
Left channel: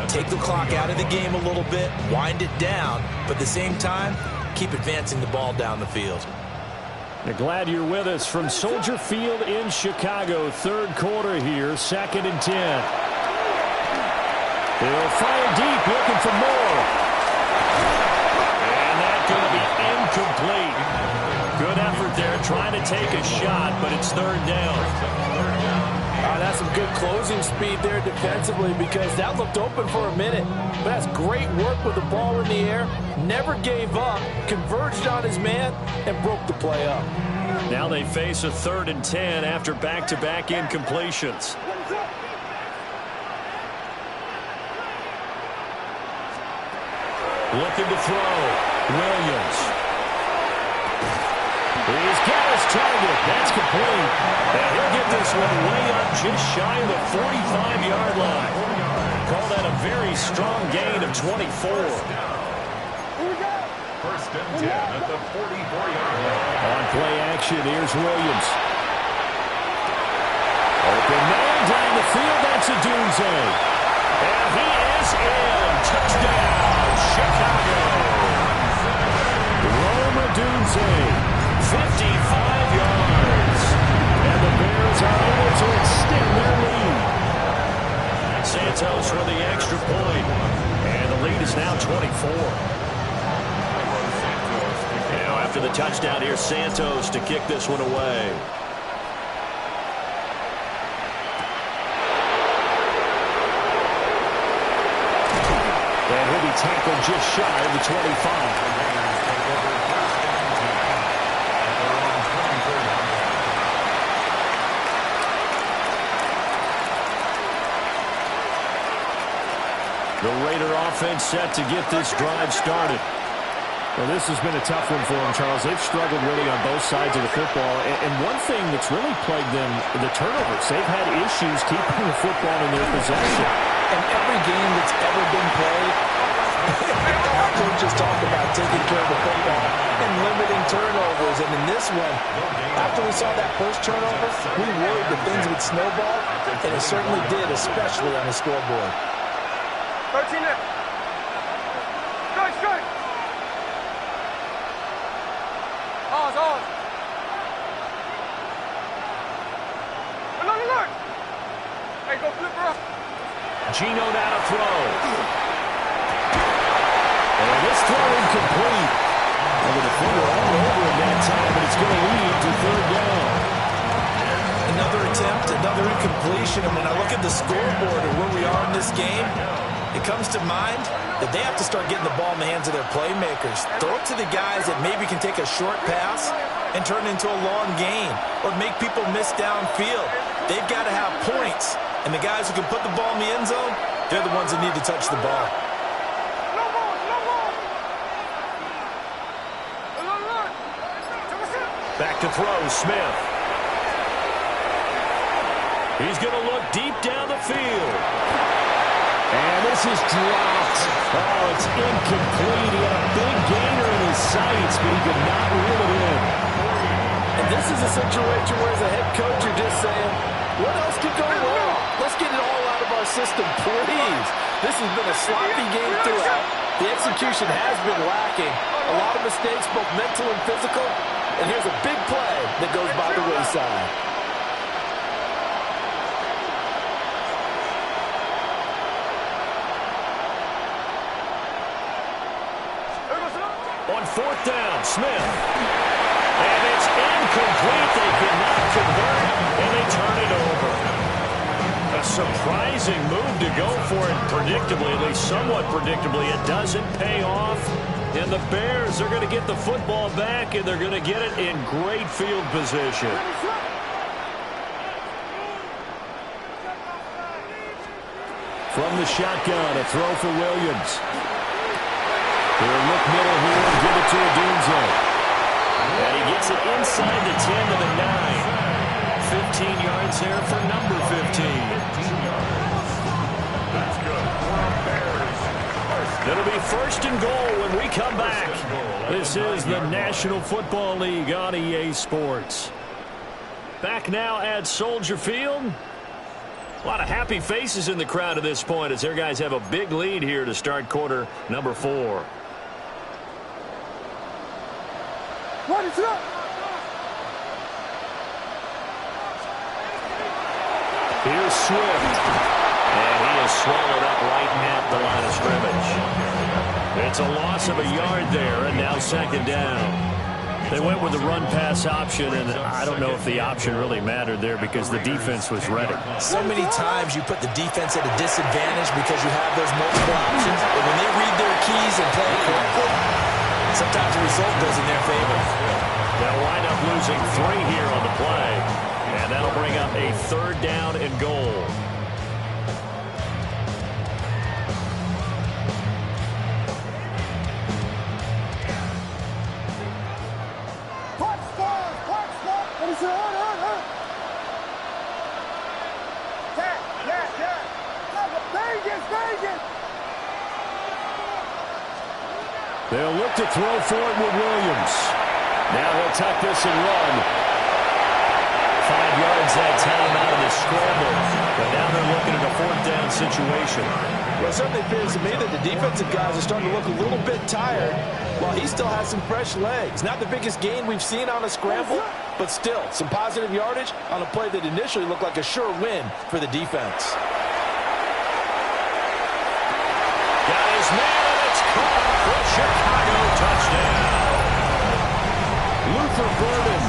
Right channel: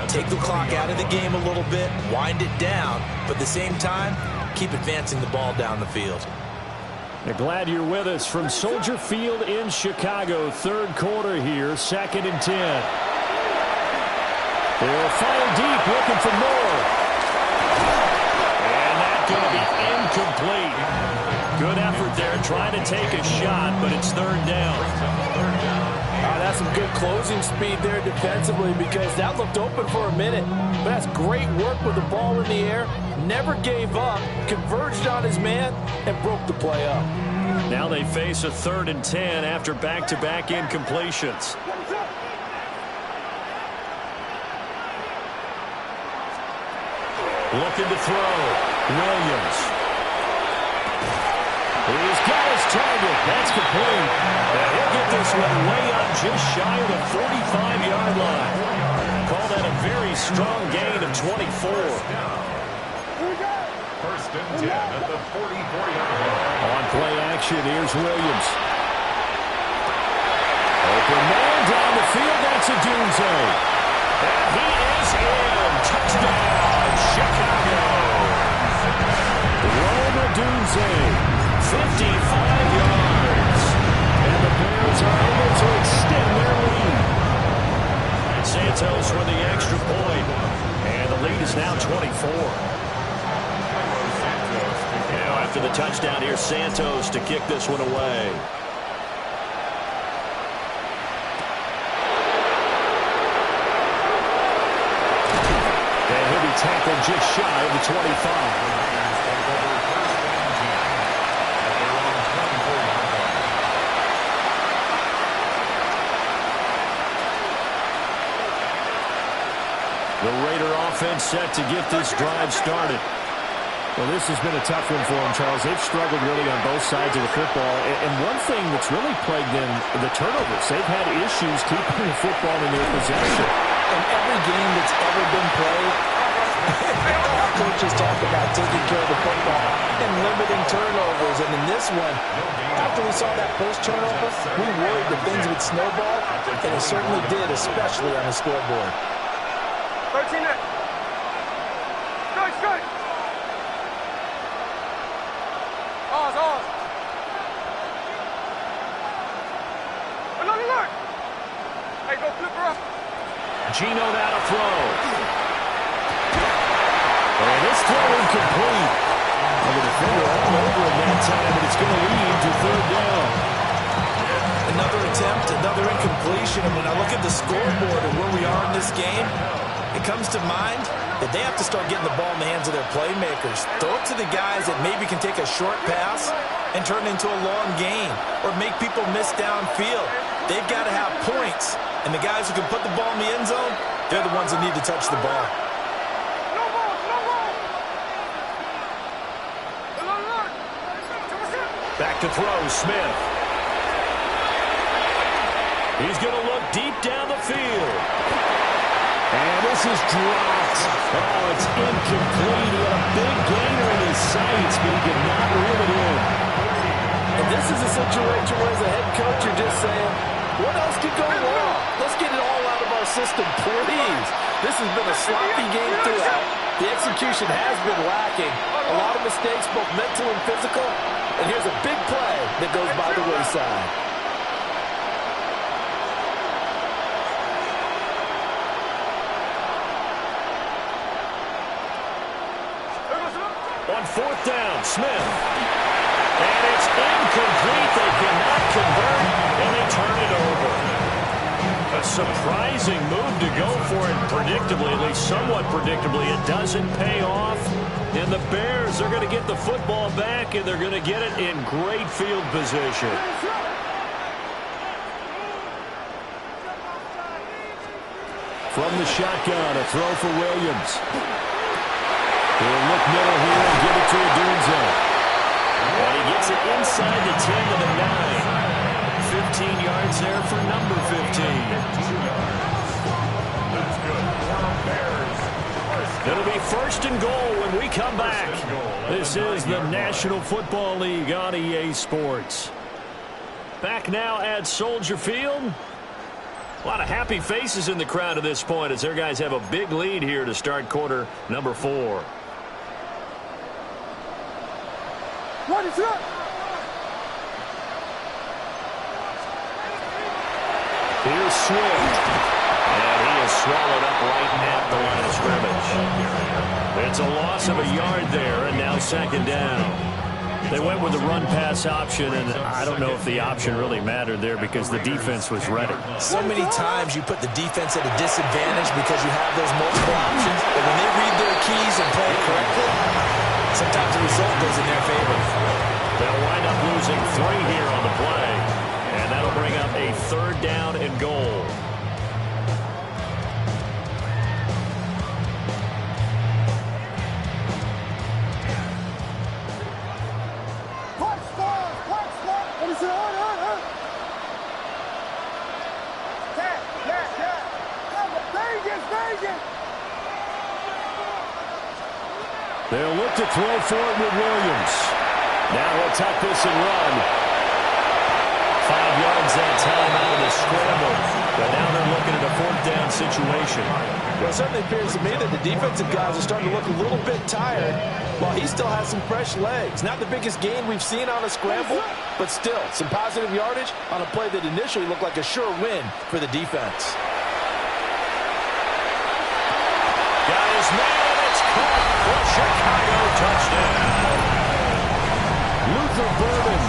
Take the clock out of the game a little bit, wind it down, but at the same time, keep advancing the ball down the field. We're glad you're with us from Soldier Field in Chicago. 3rd quarter here, 2nd and 10. They'll fire deep, looking for more. And that's going to be incomplete. Good effort there, trying to take a shot, but it's 3rd down. That's some good closing speed there defensively because that looked open for a minute. But that's great work with the ball in the air. Never gave up, converged on his man, and broke the play up. Now they face a 3rd and 10 after back-to-back incompletions. Looking to throw. Williams. He's got his target. That's complete. And he'll get this one way up just shy of the 45-yard line. Call that a very strong gain of 24. 1st and 10 at the 44-yard line. On play action, here's Williams. Open man down the field. That's a Dunze. And he is in. Touchdown, Chicago. Rome Odunze. 55 yards. And the Bears are able to extend their lead. Santos with the extra point. And the lead is now 24. After the touchdown, here's Santos to kick this one away. And he'll be tackled just shy of the 25. The Raider offense set to get this drive started. Well, this has been a tough one for them, Charles. They've struggled really on both sides of the football. And one thing that's really plagued them, the turnovers. They've had issues keeping the football in their possession. In every game that's ever been played, all coaches talk about taking care of the football and limiting turnovers. And in this one, after we saw that first turnover, we worried that things would snowball, and it certainly did, especially on the scoreboard. 13 there. Strike. Ours. Look. Hey, go flip her up. Gino now to throw. And this throw incomplete. Well, the defender all over him that time, but it's going to lead to 3rd down. Another attempt, another incompletion, and when I look at the scoreboard and where we are in this game, it comes to mind that they have to start getting the ball in the hands of their playmakers. Throw it to the guys that maybe can take a short pass and turn it into a long gain or make people miss downfield. They've got to have points, and the guys who can put the ball in the end zone, they're the ones that need to touch the ball. No ball. Back to throw, Smith. He's going to look deep down the field. And this is dropped. Oh, it's incomplete. He had a big gainer in his sights, but he could not reel it in. And this is a situation where, as a head coach, you're just saying, what else could go wrong? Let's get it all out of our system, please. This has been a sloppy game throughout. The execution has been lacking. A lot of mistakes, both mental and physical. And here's a big play that goes by the wayside. On fourth down, Smith. And it's incomplete. They cannot convert, and they turn it over. A surprising move to go for it predictably, at least somewhat predictably. It doesn't pay off. And the Bears are going to get the football back, and they're going to get it in great field position. From the shotgun, a throw for Williams. He'll look middle here and give it to Odunze. And he gets it inside the 10 to the 9. 15 yards there for number 15. That's good for Bears. It'll be first and goal when we come back. This is the National Football League on EA Sports. Back now at Soldier Field. A lot of happy faces in the crowd at this point as their guys have a big lead here to start quarter number 4. What is up? Here's Swift. And he is swallowed up right at the line of scrimmage. It's a loss of a yard there, and now second down. They went with the run-pass option, and I don't know if the option really mattered there because the defense was ready. So many times you put the defense at a disadvantage because you have those multiple options, but when they read their keys and play it correctly, sometimes the result goes in their favor. They'll wind up losing 3 here on the play, and that'll bring up a third down and goal. They'll look to throw for it with Williams. Now he'll tuck this and run. 5 yards that time out of the scramble. But now they're looking at a fourth down situation. Well, it certainly appears to me that the defensive guys are starting to look a little bit tired while he still has some fresh legs. Not the biggest gain we've seen on a scramble, but still some positive yardage on a play that initially looked like a sure win for the defense. Got his man, and it's caught for a Chicago touchdown. Luther Burden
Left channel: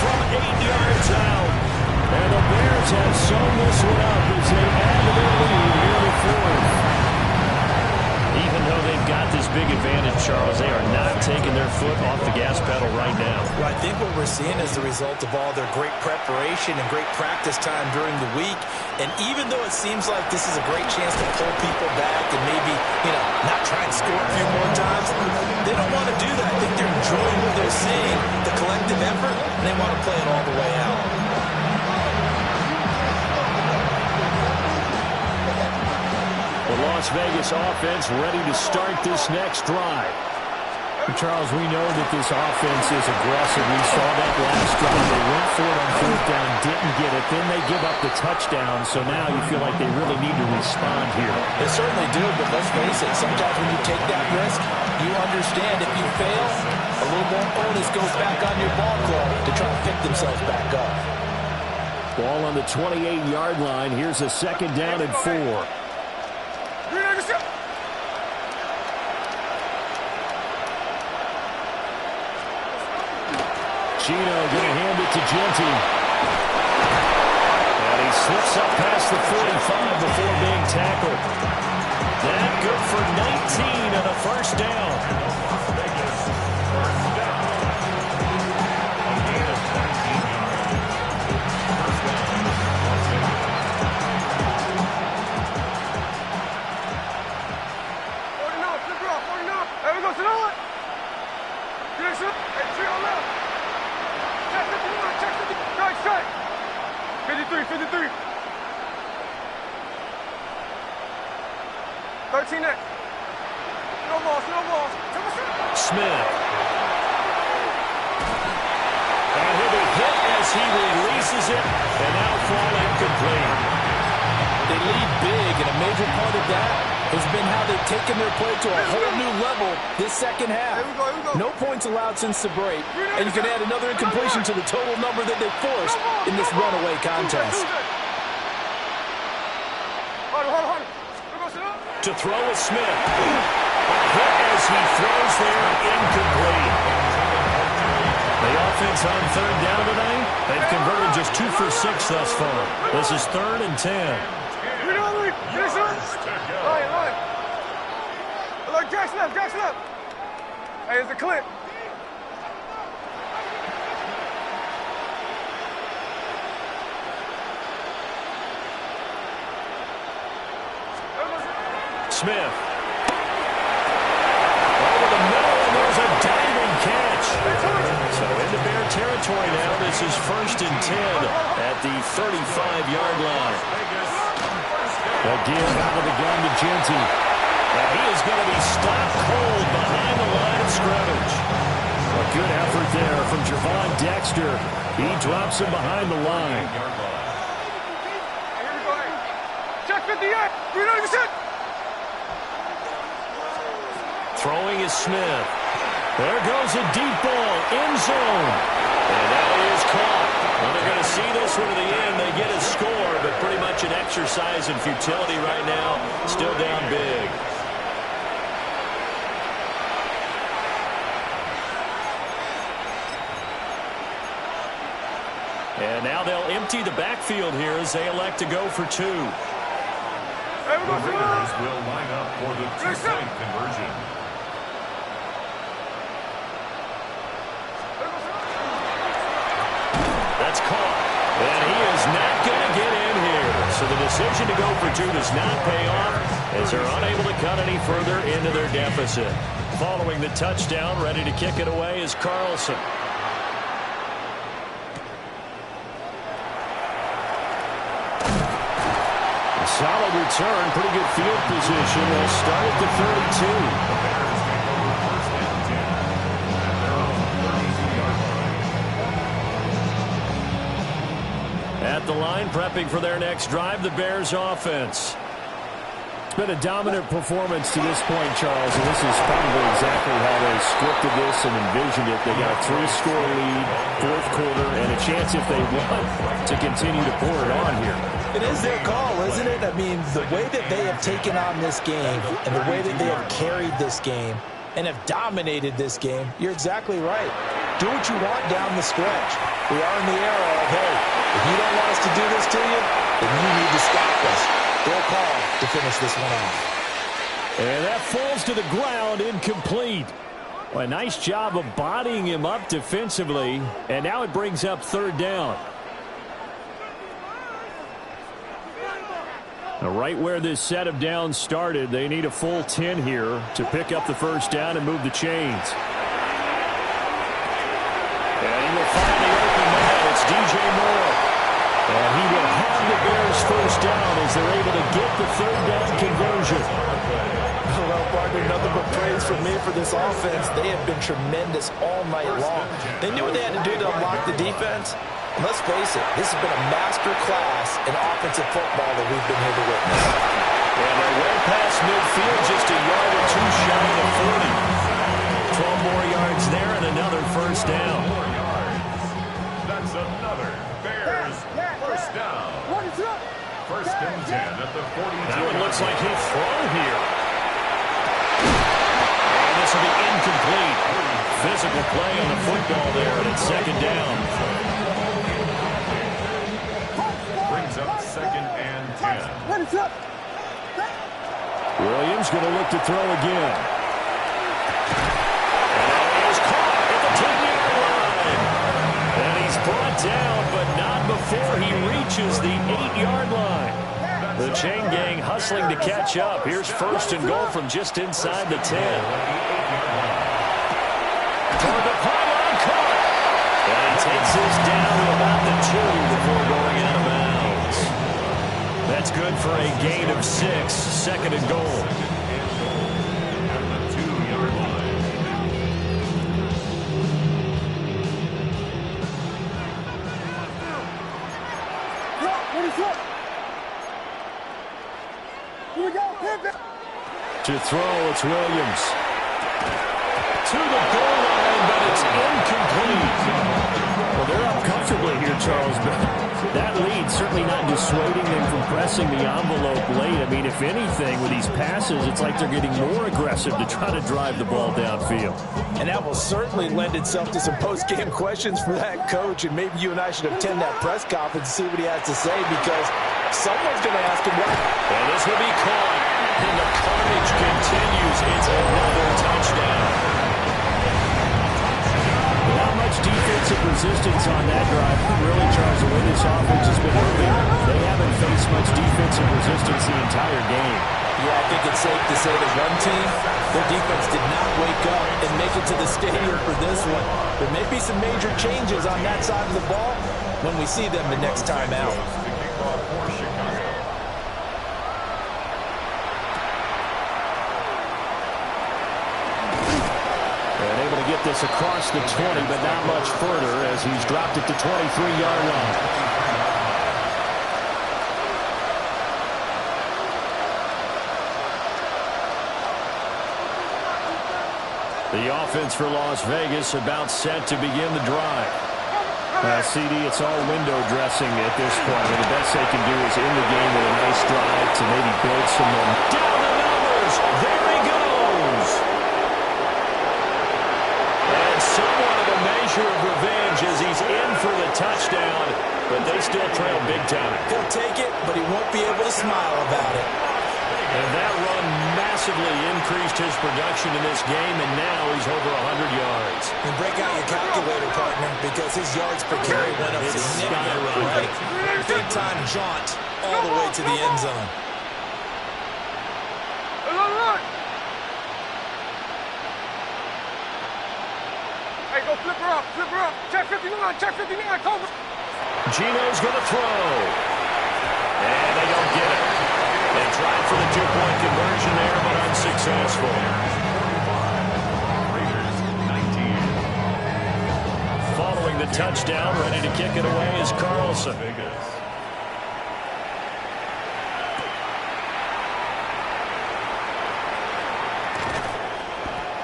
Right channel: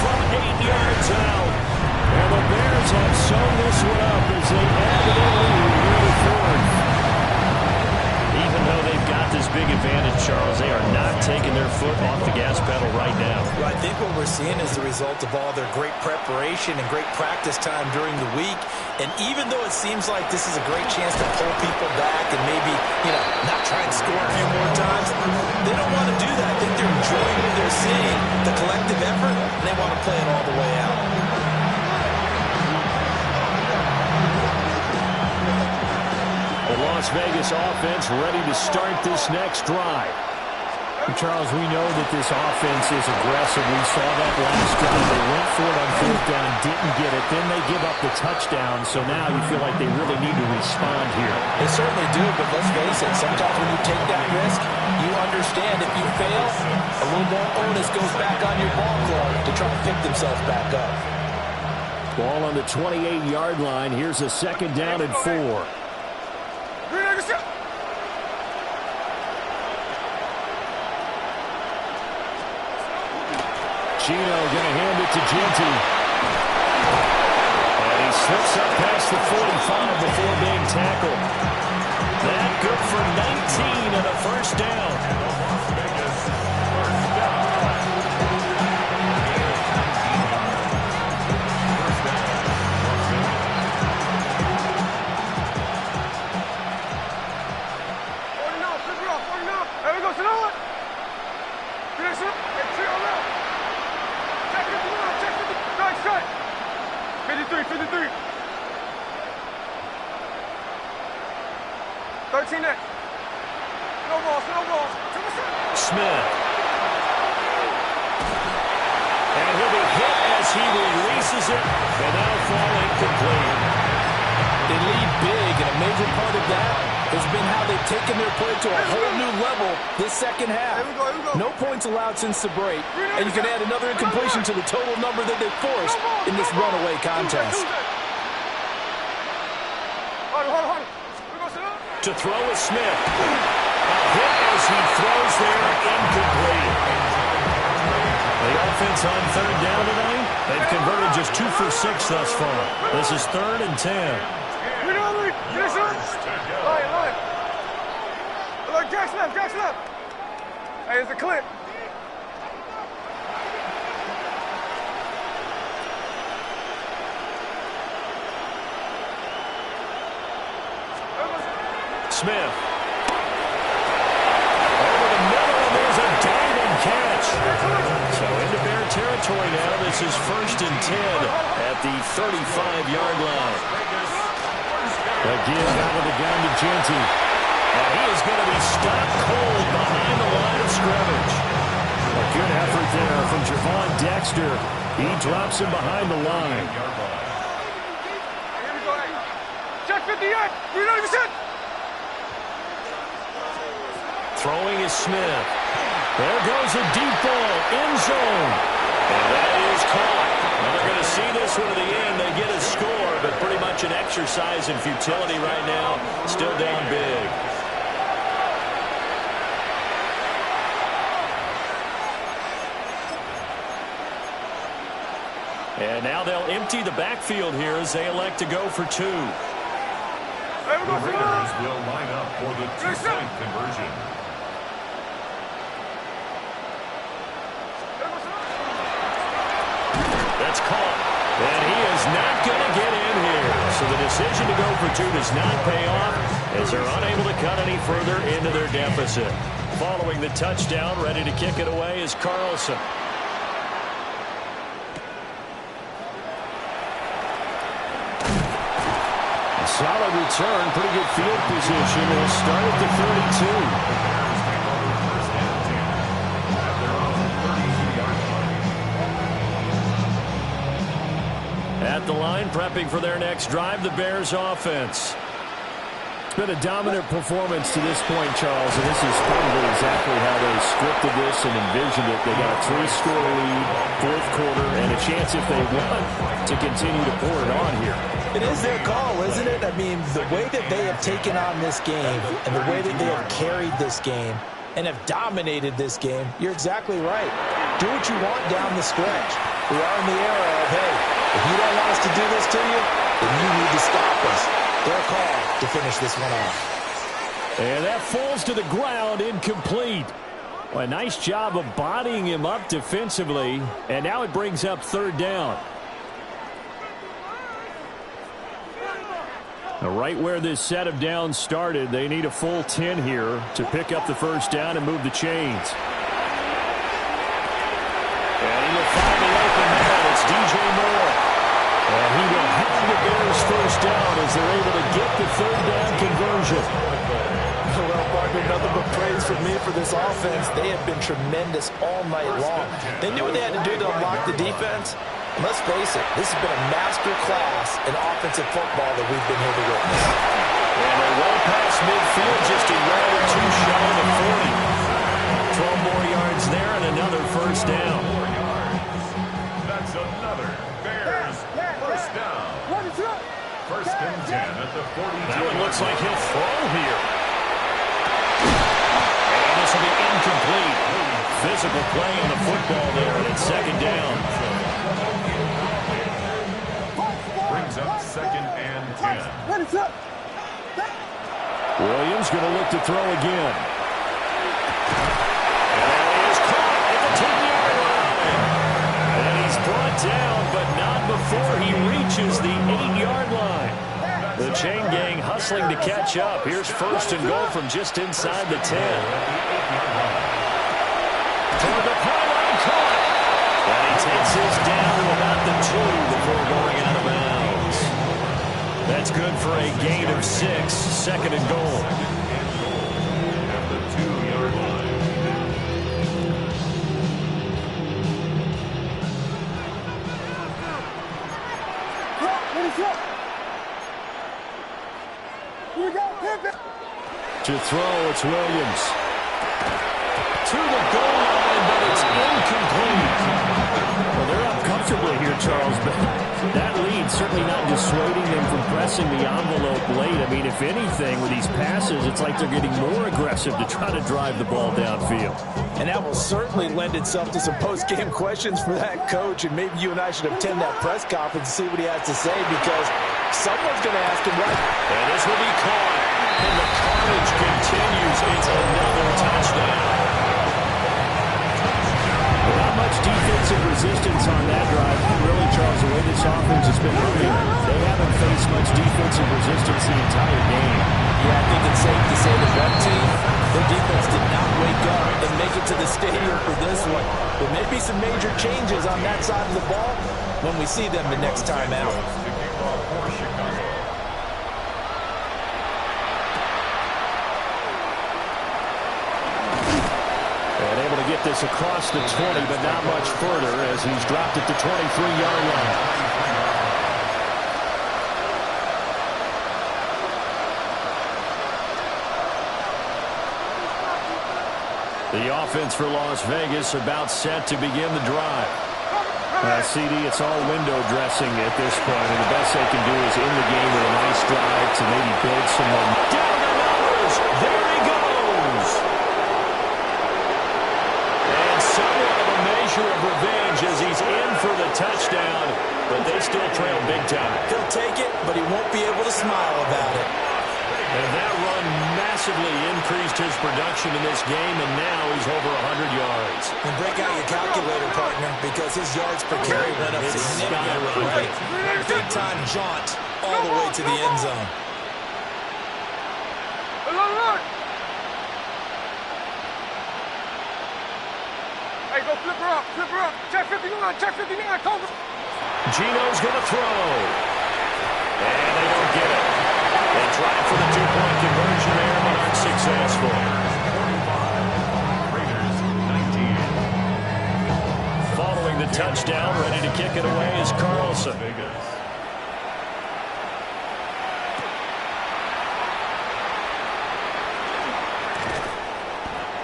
from 8 yards out. And the Bears have sewn this one up as they add to their lead here to fourth. Even though they've got this big advantage, Charles, they are not taking their foot off the gas pedal right now. Well, I think what we're seeing is the result of all their great preparation and great practice time during the week. And even though it seems like this is a great chance to pull people back and maybe, not try and score a few more times, they don't want to do that. I think they're enjoying what they're seeing, the collective effort, and they want to play it all the way out. The Las Vegas offense ready to start this next drive. Charles, we know that this offense is aggressive. We saw that last drive. They went for it on fourth down, didn't get it. Then they give up the touchdown. So now you feel like they really need to respond here. They certainly do, but let's face it. Sometimes when you take that risk, you understand if you fail, a little more onus goes back on your ball club to try to pick themselves back up. Ball on the 28-yard line. Here's a second down and 4. Gino going to hand it to Genty. And he slips up past the 45 before being tackled. That good for 19 and a first down. And the Las Vegas first down. Gain of 19 yards. First down, Las Vegas. 49, flip it off, 49. There we go, sit on it. Hey, three on left. Check 59, check 50. Strike. 53. 13 next. No balls. Smith And he'll be hit as he releases it, and now fall incomplete. They lead big, and a major part of that has been how they've taken their play to a whole new level this second half. Here we go. No points allowed since the break, and you can add another incompletion to the total number that they forced in this runaway contest. Hold. To throw is Smith. A hit as he throws there, incomplete. The offense on third down tonight, they've converted just 2 for 6 thus far. This is 3rd and 10. Line. Look, Jackson up. Hey, it's a clip. Smith. Over the middle, and there's a diving catch. So into Bear territory now. This is 1st and 10 at the 35-yard line. Again, out of the gun to Genty. And he is going to be stopped cold behind the line of scrimmage. A good effort there from Javon Dexter. He drops him behind the line. Here we go. Hey. Check 58. 390%. Throwing is Smith. There goes a deep ball, end zone. And that is caught. Well, they're going to see this one to the end. They get a score, but pretty much an exercise in futility right now. Still down big. And now they'll empty the backfield here as they elect to go for 2. The Raiders will line up for the 2-point conversion. That's caught. And he is not going to get in here. So the decision to go for 2 does not pay off as they're unable to cut any further into their deficit. Following the touchdown, ready to kick it away is Carlson. A solid return, pretty good field position. They'll start at the 32. The Bears take over 1st and 10 at their own 32-yard line. At the line, prepping for their next drive, the Bears offense. It's been a dominant performance to this point, Charles, and this is probably exactly how they scripted this and envisioned it. They got a 3-score lead, 4th quarter, and a chance if they want to continue to pour it on here. It is their call, isn't it? I mean, the way that they have taken on this game and the way that they have carried this game and have dominated this game, you're exactly right. Do what you want down the stretch. We are in the era of, hey, if you don't want us to do this to you, then you need to stop us. Their call to finish this one off. And that falls to the ground, incomplete. Well, a nice job of bodying him up defensively, and now it brings up 3rd down. Now, right where this set of downs started, they need a full 10 here to pick up the 1st down and move the chains. And he will find the open man. It's DJ Moore. And he will have the Bears 1st down as they're able to get the 3rd down conversion. Well, partner, nothing but praise from me for this offense. They have been tremendous all night long. They knew what they had to do to unlock the defense. And let's face it, this has been a master class in offensive football that we've been here to witness. And they're well past midfield, just a yard or 2 shy of 40. 12 more yards there and another 1st down. 4 yards. That's another Bears 1st down. 1st and 10 at the 42. That one looks like he'll throw here. And this will be incomplete. Physical play on the football there, and it's 2nd down. Brings up 2nd and 10. Williams going to look to throw again. And that is caught at the 10-yard line. And he's brought down, but not before he reaches the 8-yard line. The chain gang hustling to catch up. Here's 1st and goal from just inside the 10. Toward the pylon, caught. And he takes this down to about the 2 before going out of bounds. That's good for a gain of 6. 2nd and goal. 2nd and goal at the 2-yard line. Here we go. Pivot. To throw, it's Williams. To the goal line, but it's incomplete. Well, they're up comfortably here, Charles, but that lead certainly not dissuading them from pressing the envelope late. I mean, if anything, with these passes, it's like they're getting more aggressive to try to drive the ball downfield. And that will certainly lend itself to some post-game questions for that coach, and maybe you and I should attend that press conference and see what he has to say, because someone's going to ask him what. And this will be caught, and the carnage continues. It's another touchdown. Not much defensive resistance on that drive. Really, Charles, the way this offense has been moving, they haven't faced much defensive resistance the entire game. Yeah, I think it's safe to say the run team, their defense did not wake up and make it to the stadium for this one. There may be some major changes on that side of the ball when we see them the next time out. To kick off for Chicago. And able to get this across the 20, but not much further as he's dropped it to 23-yard line. The offense for Las Vegas about set to begin the drive. CD, it's all window dressing at this point. I mean, the best they can do is in the game with a nice drive to maybe build some momentum. Down the numbers. There he goes. And somewhat of a measure of revenge as he's in for the touchdown, but they still trail big time. He'll take it, but he won't be able to smile about it. And that run massively increased his production in this game, and now he's over 100 yards. And break out your calculator, partner, because his yards per carry went up significantly, right? Big-time jaunt all the way to the end zone. Hey, go flip her up, flip her up. Check 59, check 59, cover. Gino's going to throw. And they don't get it. They tried for the two-point conversion there, but unsuccessful. 45. Raiders 19. Following the touchdown, ready to kick it away is Carlson. Vegas.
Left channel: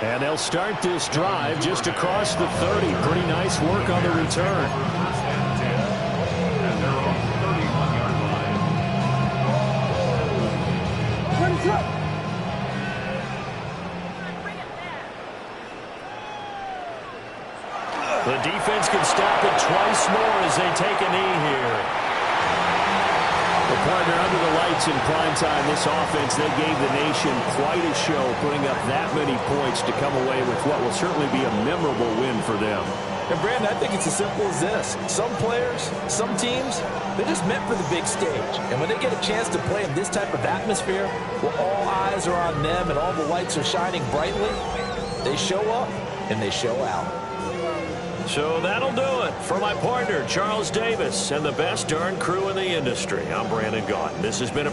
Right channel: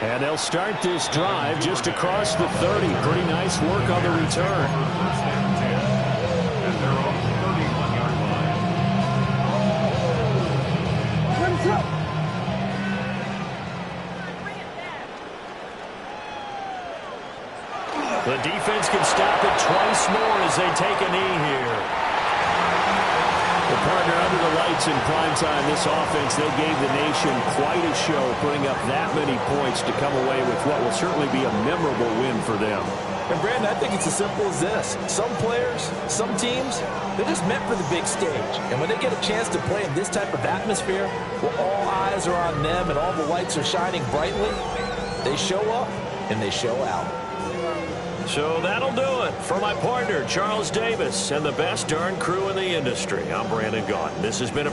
And they'll start this drive just across the 30. Pretty nice work on the return. First and 10. At their own 31-yard line. The defense can stop it twice more as they take a knee here. Well, partner, under the lights in primetime, this offense, they gave the nation quite a show, putting up that many points to come away with what will certainly be a memorable win for them. And, Brandon, I think it's as simple as this. Some players, some teams, they're just meant for the big stage. And when they get a chance to play in this type of atmosphere, where all eyes are on them and all the lights are shining brightly, they show up and they show out. So that'll do it for my partner, Charles Davis, and the best darn crew in the industry. I'm Brandon Gaudin. This has been a